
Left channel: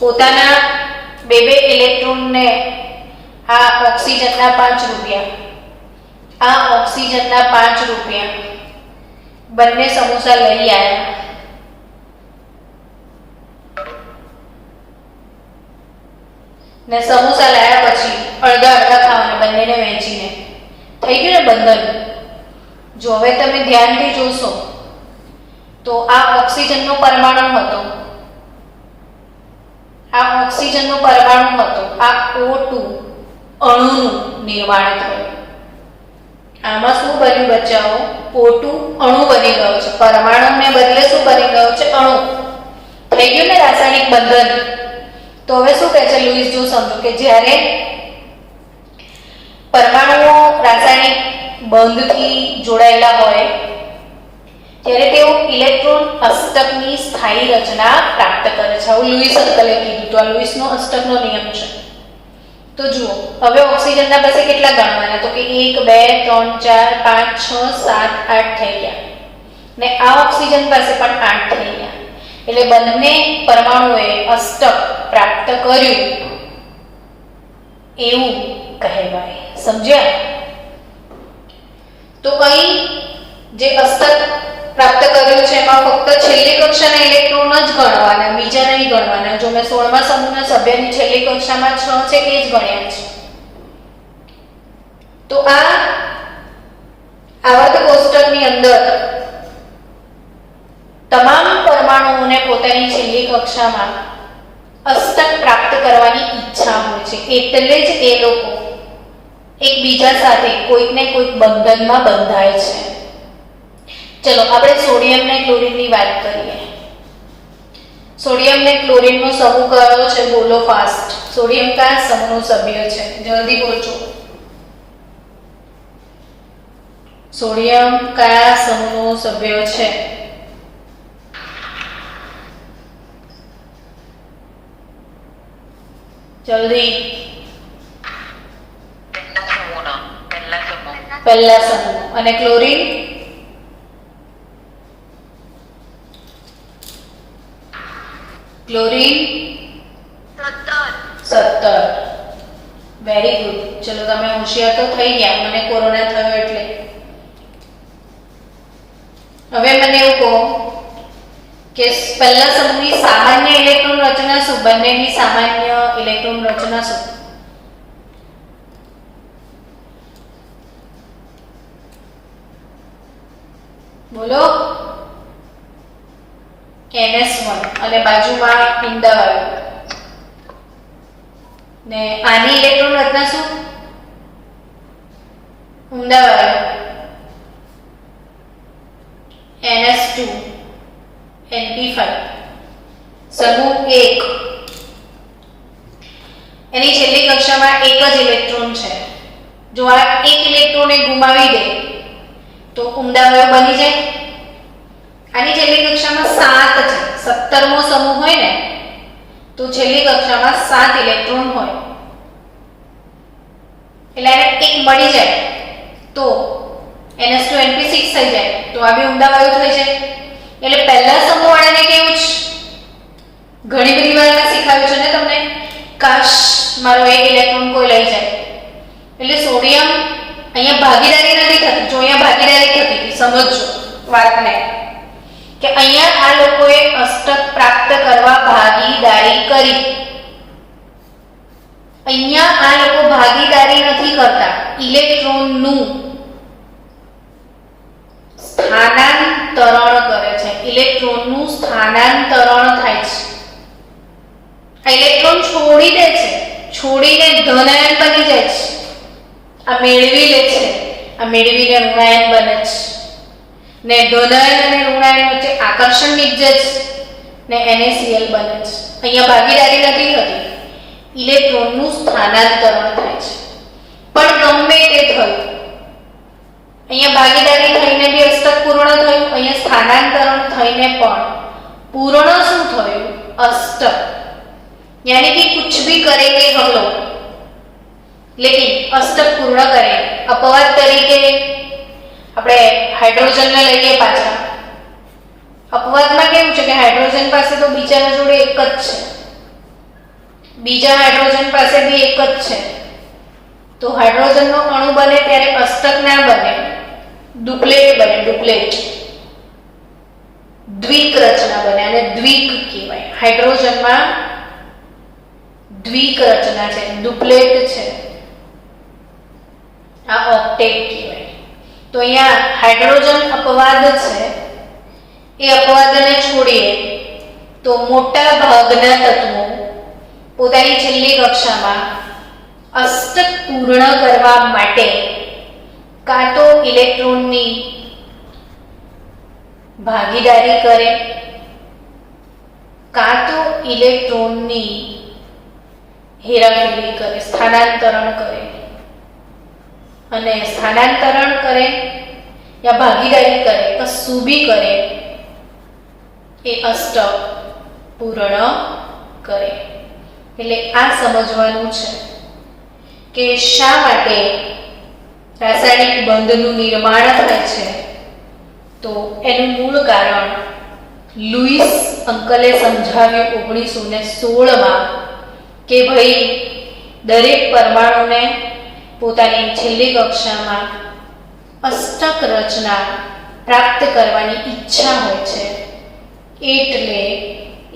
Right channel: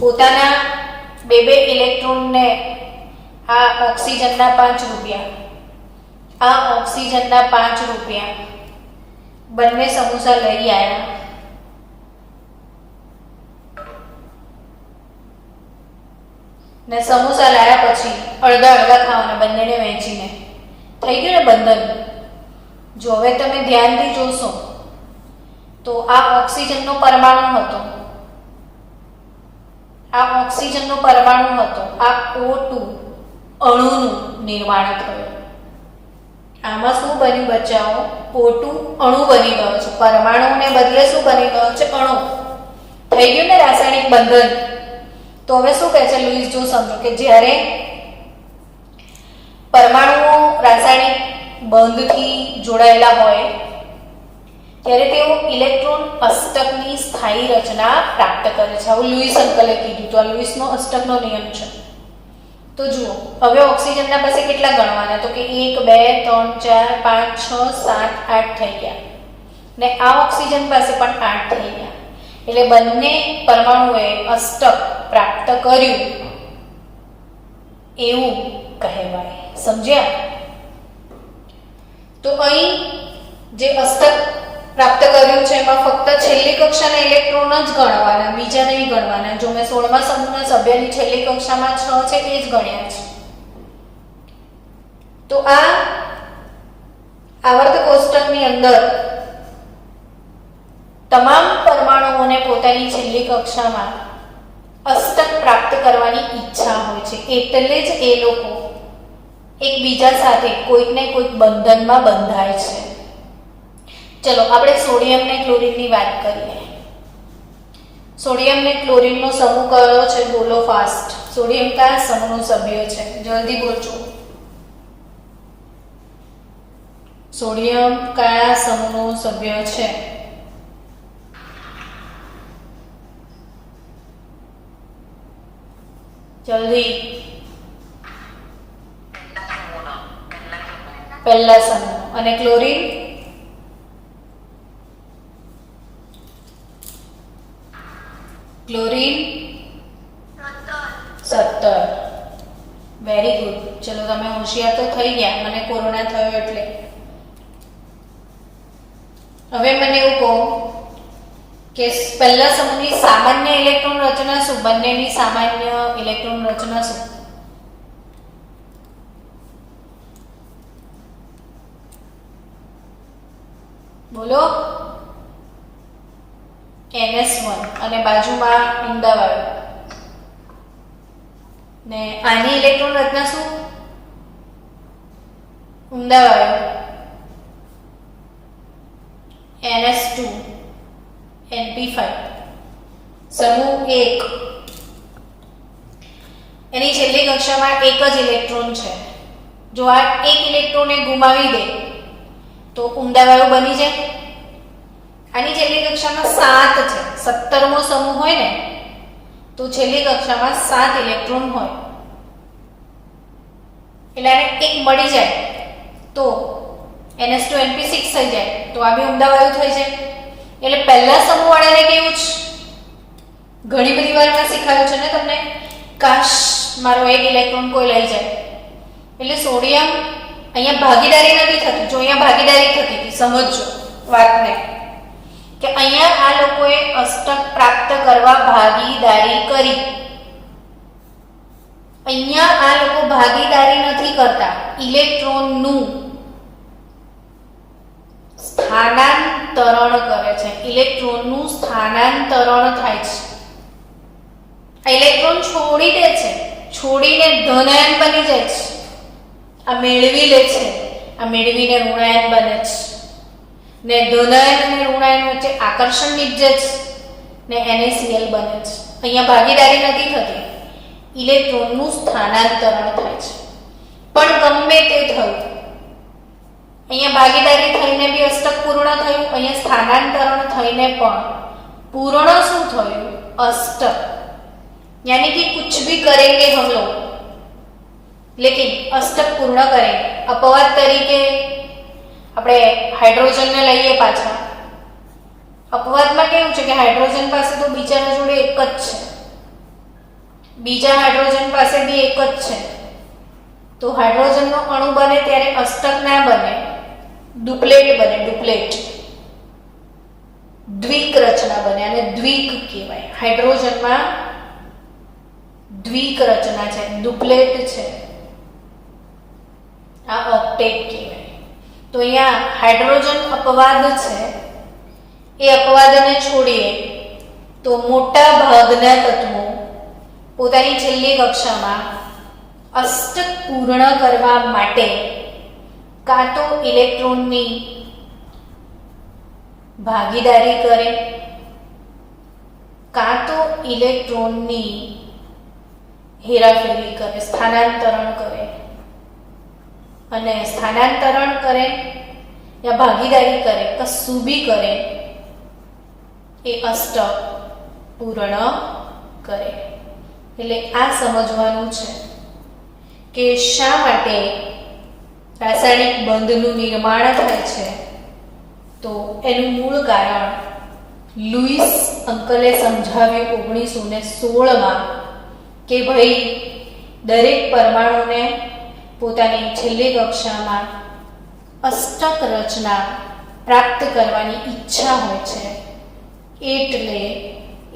પોતાના 2 ઇલેક્ટ્રોનને આ ઓક્સિજનના 5 રૂપિયા, આ ઓક્સિજનના 5 રૂપિયા બંને સમોસા લઈ આવ્યા. ને સમોસા લાયા પછી અડધા ખાવાના બંનેને વહેંચીને થઈ ગયું ને બંધન. જો હવે તમે ધ્યાનથી જોશો તો આ ઓક્સિજનનો પરમાણુ હતો, આ ઓક્સિજનનો પરમાણુ હતો, આ O2 અણુનું નિર્માણ થયું. આમાં શું બન્યું બચ્ચાઓ? O2 અણુ બની ગયો છે. પરમાણુને બદલે શું બની ગયો છે? અણુ. થઈ ગયું ને રાસાયણિક બંધન. તો હવે શું કહે છે લુઈસ? જો સમજો કે જ્યારે પરમાણુઓ રાસાયણિક બંધથી જોડાયેલા હોય ત્યારે તેઓ ઇલેક્ટ્રોન અષ્ટકની સ્થાયી રચના પ્રાપ્ત કરે છે. આવું લુઈસ અંકલે કીધું. તો આ લુઈસનો અષ્ટકનો નિયમ છે. તો જુઓ હવે ઓક્સિજનના પાસે કેટલા ગણવાના? તો કે 1 2 3 4 5 6 7 8 થઈ ગયા ને આ ઓક્સિજન પાસે પણ 8 થઈ ગયા. એટલે બંને પરમાણુએ અષ્ટક પ્રાપ્ત કર્યું એવું કહેવાય. સમજ્યા? તો અહીં જે અષ્ટક પ્રાપ્ત કર્યું છે એમાં ફક્ત છેલ્લી કક્ષાના ઇલેક્ટ્રોન જ ગણવાના, બીજા નહીં ગણવાના. જો મેં 16મા સમૂહના સભ્યની છેલ્લી કક્ષામાં 6 છે એ જ ગણ્યા છે. તો આ આવર્ત કોષ્ટકની અંદર તમામ પરમાણુઓને પોતાની છેલ્લી કક્ષામાં અષ્ટક પ્રાપ્ત કરવાની ઈચ્છા હોય છે. એટલે જ એ લોકો એકબીજા સાથે કોઈક ને કોઈક બંધનમાં બંધાય છે. ચલો આપણે સોડિયમ ને ક્લોરીનની વાત કરીએ. સોડિયમ ને ક્લોરીનનો સમૂહ કયો છે? બોલો ફાસ્ટ. સોડિયમ કયા સમૂહનું સભ્ય છે? જલ્દી બોલજો. સોડિયમ કયા સમૂહનો સભ્ય છે? જલ્દી. પહેલા સમૂહ. અને ક્લોરીન? ક્લોરીન 17. Very good. ચલો તમે હોશિયાર તો થઈ ગયા, મને કોરોના થયો એટલે. હવે મને એવું કહો કે પહેલા સમૂહની સામાન્ય ઇલેક્ટ્રોન રચના શું? બંનેની સામાન્ય ઇલેક્ટ્રોન રચના શું? બોલો. NS1 અને બાજુમાં ઊંડાવાળું. ને આની ઇલેક્ટ્રોન રચના શું? ઊંડાવાળું. NS2 NP5. સમૂહ 1 એની છેલ્લી કક્ષામાં એક જ ઇલેક્ટ્રોન છે. જો આ એક ઇલેક્ટ્રોનને ગુમાવી દે તો ઊંડાવાળું બની જાય. આની છેલ્લી કક્ષામાં 7 છે. 17મો સમૂહ હોય ને તો છેલ્લી કક્ષામાં 7 ઇલેક્ટ્રોન હોય. એટલે એને એક મળી જાય તો NS2 NP6 થઈ જાય તો આ બી ઊંડાવાળું થઈ જાય. એટલે પહેલા સમૂહ વાળાને કેવું છે? ઘણી બધી વાર મેં શીખવ્યું છે ને તમને, કાશ મારો એક ઇલેક્ટ્રોન કોઈ લઈ જાય. એટલે સોડિયમ અહીંયા ભાગીદારી નથી થતી. જો અહીંયા ભાગીદારી થતી હતી, સમજજો વાતને, કે અહીંયા આ લોકોએ અષ્ટક પ્રાપ્ત કરવા ભાગીદારી કરી. અહીંયા આ લોકો ભાગીદારી નથી કરતા. ઇલેક્ટ્રોનનું સ્થાનાંતરણ કરે છે. ઇલેક્ટ્રોનનું સ્થાનાંતરણ થાય છે. આ ઇલેક્ટ્રોન છોડી દે છે, છોડીને ધનાયન બની જાય છે. આ મેળવી લે છે, આ મેળવીને ઋણાયન બને છે. ને ધનાયન અને ઋણાયન વચ્ચે આકર્ષણ નીપજે છે ને NaCl બને છે. અહીંયા ભાગીદારી નથી થતી. ઇલેક્ટ્રોનનું સ્થાનાંતરણ થાય છે. પણ ગમે તે થયું, અહીંયા ભાગીદારી થઈને બી અષ્ટક પૂર્ણ થયું, અહીંયા સ્થાનાંતરણ થઈને પણ પૂર્ણ શું થયું? अष्टक. यानी कि कुछ भी करेंगे हम लोग लेकिन अष्टक पूर्ण करें. अपवाद तरीके આપણે હાઇડ્રોજનને લઈએ પાછા. અપવાદમાં કેવું છે કે હાઇડ્રોજન પાસે તો બીજાના જોડે એક જ છે, બીજા હાઇડ્રોજન પાસે બી એક જ છે. તો હાઇડ્રોજનનો અણુ બને ત્યારે અષ્ટક ના બને, ડુપ્લેટ બને. ડુપ્લેટ દ્વિક રચના બને અને દ્વિક કહેવાય. હાઇડ્રોજનમાં દ્વિક રચના છે, ડુપ્લેટ છે. આ ઓક્ટેટ કહેવાય. તો અહીંયા હાઇડ્રોજન અપવાદ છે. એ અપવાદને છોડીએ તો મોટા ભાગના તત્વો પોતાની છેલ્લી કક્ષામાં અષ્ટક પૂર્ણ કરવા માટે કાં તો ઇલેક્ટ્રોનની ભાગીદારી કરે, કાં તો ઇલેક્ટ્રોનની હેરાફેરી કરે, સ્થાનાંતરણ કરે. અને સ્થાનાંતરણ કરે યા ભાગીદારી કરે, કશું બી કરે, એ અષ્ટક પૂર્ણ કરે. એટલે આ સમજવાનું છે કે શા માટે રાસાયણિક બંધનું નિર્માણ થાય છે. તો એનું મૂળ કારણ લુઈસ અંકલે સમજાવ્યું 1916માં કે ભાઈ દરેક પરમાણુને પોતાની છેલ્લી કક્ષામાં અષ્ટક રચના પ્રાપ્ત કરવાની ઈચ્છા હોય છે. એટલે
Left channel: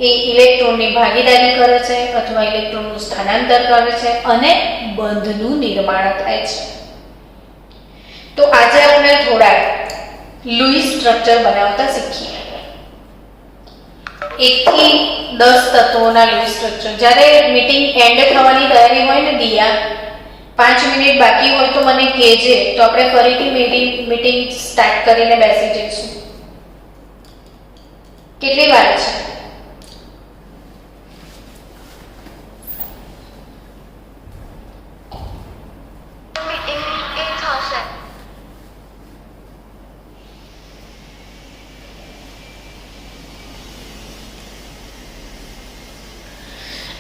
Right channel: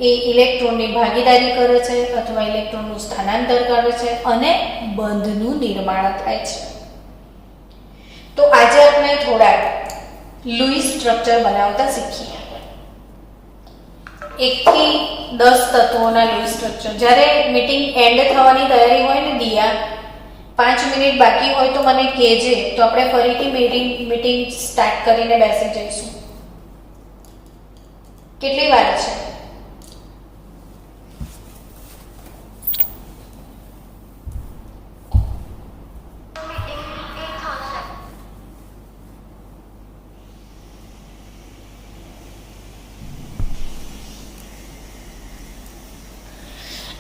એ ઇલેક્ટ્રોનની ભાગીદારી કરે છે અથવા ઇલેક્ટ્રોનનું સ્થાનાંતર કરે છે અને બંધનું નિર્માણ થાય છે. તો આજે આપણે થોડા લુઈસ સ્ટ્રક્ચર બનાવતા શીખીએ. 1 થી 10 તત્વોના લુઈસ સ્ટ્રક્ચર. જ્યારે મીટિંગ એન્ડ થવાની તૈયારી હોય ને દિયા, 5 મિનિટ બાકી હોય તો મને કહેજે, તો આપણે ફરીથી મીટિંગ સ્ટાર્ટ કરીને બેસી જઈશું. કેટલી વાર છે?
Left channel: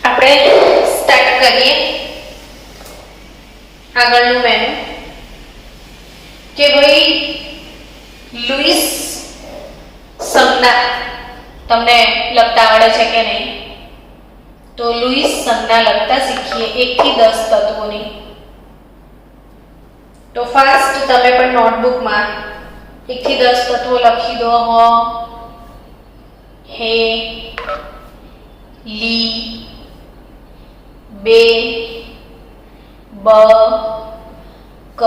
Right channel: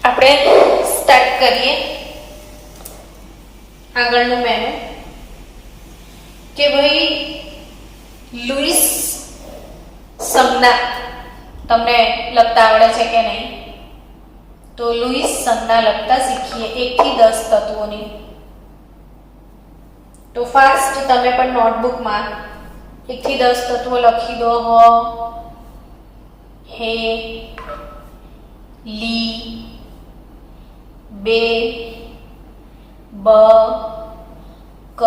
આપણે સ્ટાર્ટ કરીએ આગળનું મેનુ કે ભાઈ લુઈસ સંજ્ઞા તમને લખતા આવડે છે કે નહીં? તો લુઈસ સંજ્ઞા લખતા શીખીએ 1 થી 10 તત્વોની. તો ફાસ્ટ તમે પણ નોટબુકમાં 1 થી 10 તત્વો લખી દો. હ, હે, લી, બે, બ, ક,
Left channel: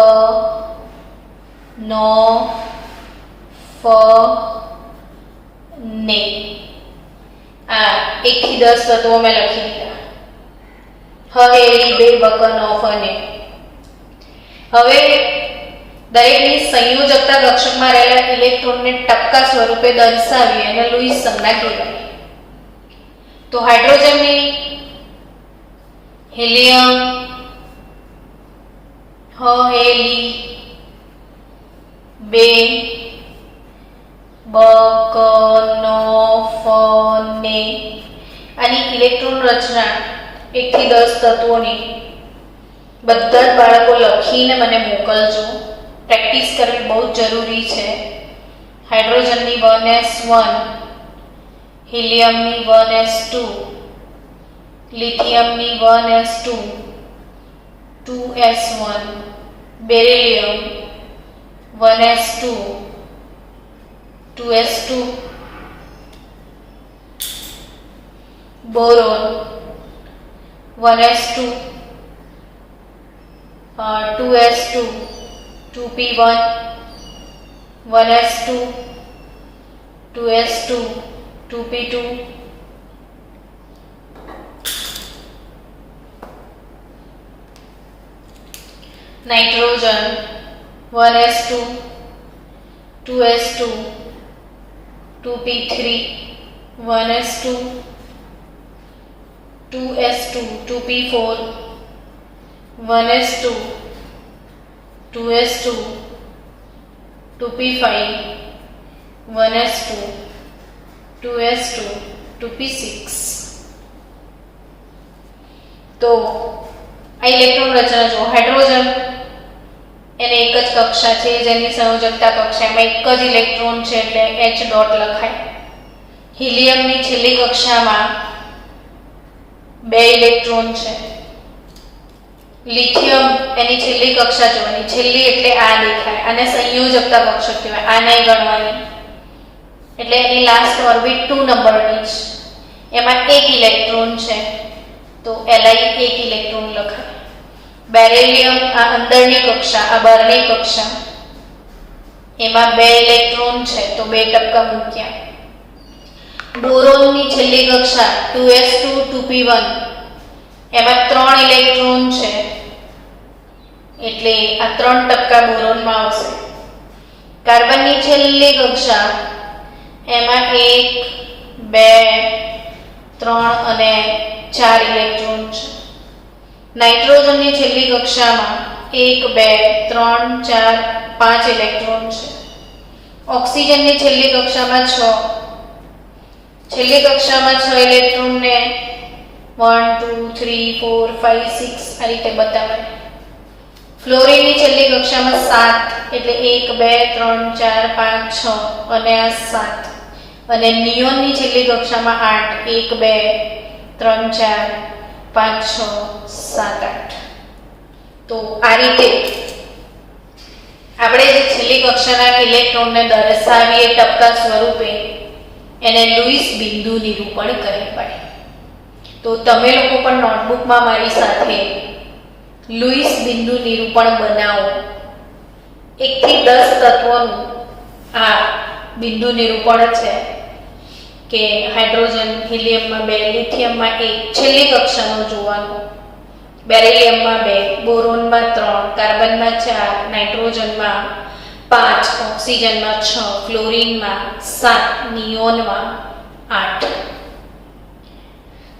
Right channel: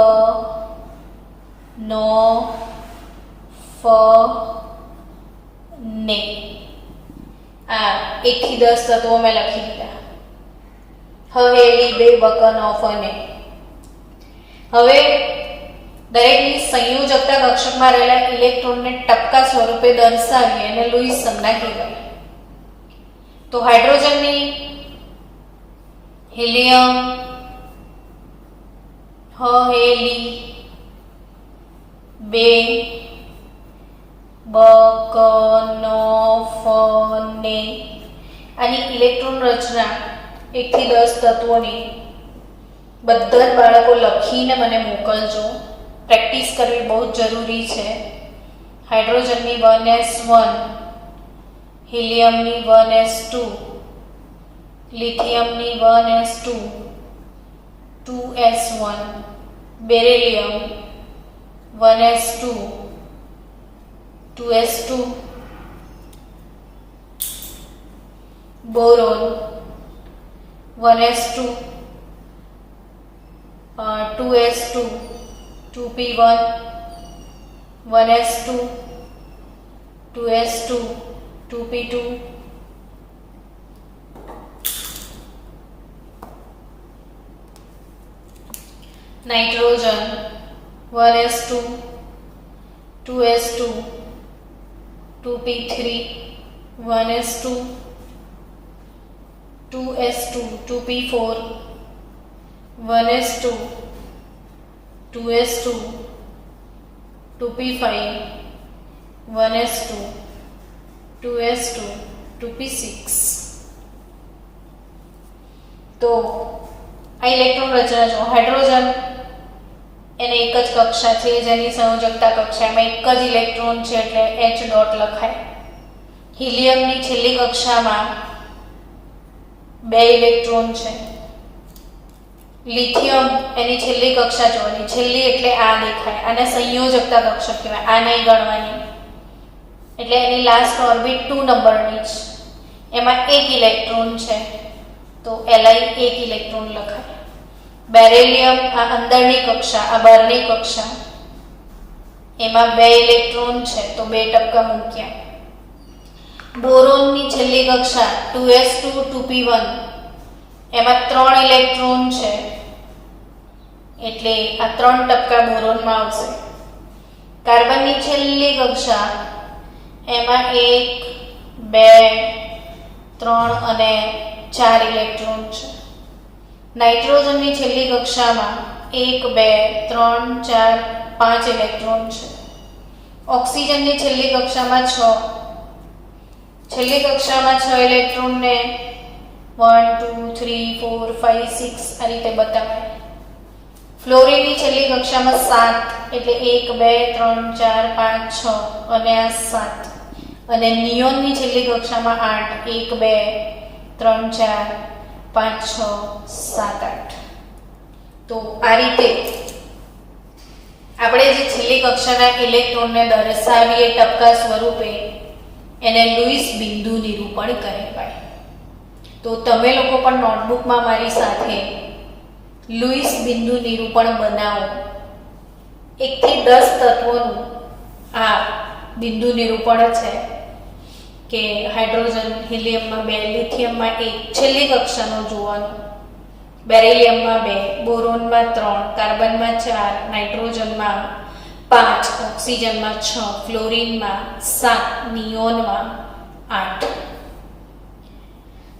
નો, ફ, ને. આ 1 થી 10 તત્વો મેં લખી દીધા. હવે લી, બે, બ, ક, નો, ફ, ને. હવે દરેકની સંયોજકતા કક્ષકમાં રહેલા ઇલેક્ટ્રોનને ટપકા સ્વરૂપે દર્શાવી અને લુઈસ સંજ્ઞા કહેવાય. તો હાઇડ્રોજનની હિલિયમ, હ, હે, લી, બે, બ, ક, નો, ફ, ને. આની ઇલેક્ટ્રોન રચના 1 થી 10 તત્વોની બધા જ બાળકો લખીને મને મોકલજો. પ્રેક્ટિસ કરવી બહુ જ જરૂરી છે. હાઇડ્રોજનની 1s1, હિલિયમની 1s2, લિથિયમની 1s2, 2s1, beryllium 1s2, 2s2, boron 1s2, 2s2, 2p1, 1s2, 2s2, 2p2, nitrogen 1s2, 2s2, 2p3, 1s2, 2s2, 2p4, 1s2, 2s2, 2p5, 1s2, 2s2, 2p6. તો આ ઇલેક્ટ્રોન રચના જો હાઇડ્રોજન એને એક જ કક્ષા છે જેની સંયોજકતા કક્ષામાં એક જ ઇલેક્ટ્રોન છે એટલે H ડોટ લખાય. હિલિયમની છેલ્લી કક્ષામાં 2 ઇલેક્ટ્રોન છે. લિથિયમ એની છેલ્લી કક્ષા જોવાની, છેલ્લી એટલે આ દેખાય, અને સંયોજકતા કક્ષક કહેવાય. આ નહીં ગણવાની એટલે એની લાસ્ટ ઓર્બિટ 2 નંબરની છે. એમાં 1 ઇલેક્ટ્રોન છે તો Li 1 ઇલેક્ટ્રોન લખાય. બેરિલિયમ આ અંદરની કક્ષા, આ બહારની કક્ષા, એમાં 2 ઇલેક્ટ્રોન છે તો 2 ટપકા મૂક્યા. બોરોનની છેલ્લી કક્ષા 2s2, 2p1, એમાં 3 ઇલેક્ટ્રોન છે એટલે આ 3 ટપકા બોરોનમાં આવશે. કાર્બનની છેલ્લી કક્ષા એમાં 1, 2, 3 અને 4 ઇલેક્ટ્રોન છે. નાઇટ્રોજનની છેલ્લી કક્ષામાં 1, 2, 3, 4, 5 ઇલેક્ટ્રોન છે. ઓક્સિજનની છેલ્લી કક્ષામાં 6. છેલ્લી કક્ષામાં 6 ઇલેક્ટ્રોનને 1, 2, 3, 4, 5, 6 આ રીતે બતાવાય. ફ્લોરિનની છેલ્લી કક્ષામાં 7 એટલે 1, 2, 3, 4, 5, 6 અને આ 7. અને નિયોનની છેલ્લી કક્ષામાં 8 1, 2, 3, 4, 5, 6, 7, 8. તો આ રીતે આપણે જે છેલ્લી કક્ષાના ઇલેક્ટ્રોનને દર્શાવીએ ટપકા સ્વરૂપે એને લુઈસ બિંદુ નિરૂપણ કહેવાય. તો તમે લોકો પણ નોટબુકમાં મારી સાથે લુઈસ બિંદુ નિરૂપણ બનાવો. 1 થી 10 તત્વોનું આ બિંદુ નિરૂપણ છે કે હાઇડ્રોજન, હિલિયમમાં 2, લિથિયમમાં 1 છેલ્લી કક્ષાનું જોવાનું, બેરિલિયમમાં 2, બોરોનમાં 3, કાર્બનમાં 4, નાઇટ્રોજનમાં 5, ઓક્સિજનમાં 6, ફ્લોરિનમાં 7, નિયોનમાં 8.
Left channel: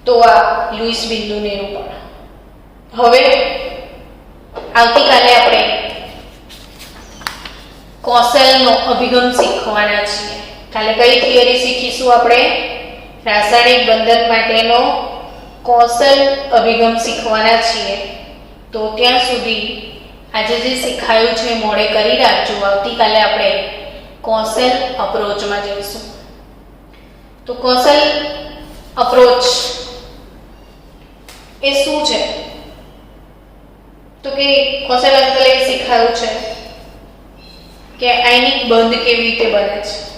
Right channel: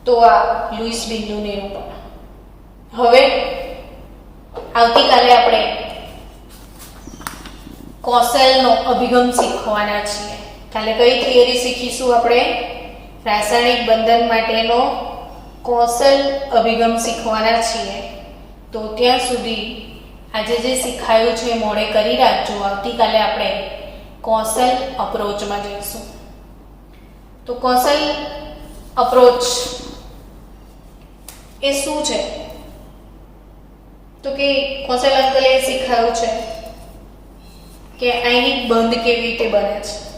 તો આ લુઈસ બિંદુ નિરૂપણ. હવે આવતીકાલે આપણે કોસેલનો અભિગમ શીખવાના છીએ. કાલે કઈ થિયરી શીખીશું આપણે? રાસાયણિક બંધન માટેનો કૌશલ અભિગમ શીખવાના છીએ. તો ત્યાં સુધી આજે જે શીખાયું છે મોડે કરી રાખજો. આવતીકાલે આપણે કૌશલ અપ્રોચમાં જઈશું. તો કૌશલ અપ્રોચ એ શું છે? તો કે કૌશલ અંકલે શીખાયું છે કે આયનિક બંધ કેવી રીતે બને છે.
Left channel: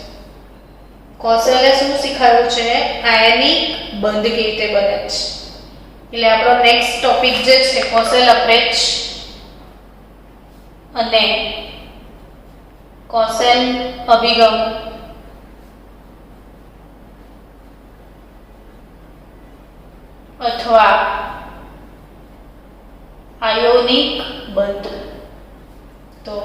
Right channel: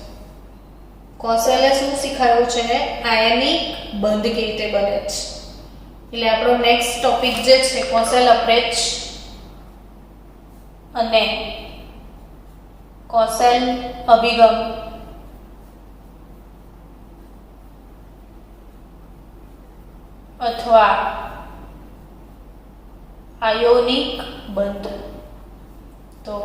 કૌશલે શું શીખાયું છે? આયનિક બંધ કેવી રીતે બને છે. એટલે આપણો નેક્સ્ટ ટોપિક જે છે કૌશલ અપ્રોચ અને કૌશલ અભિગમ અથવા આયોનિક બંધ. તો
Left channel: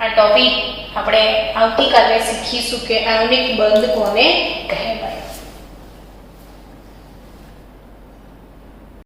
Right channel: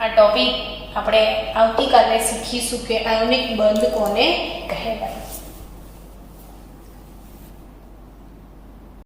આ ટોપિક આપણે આવતીકાલે શીખીશું કે આયોનિક બંધ કોને કહેવાય.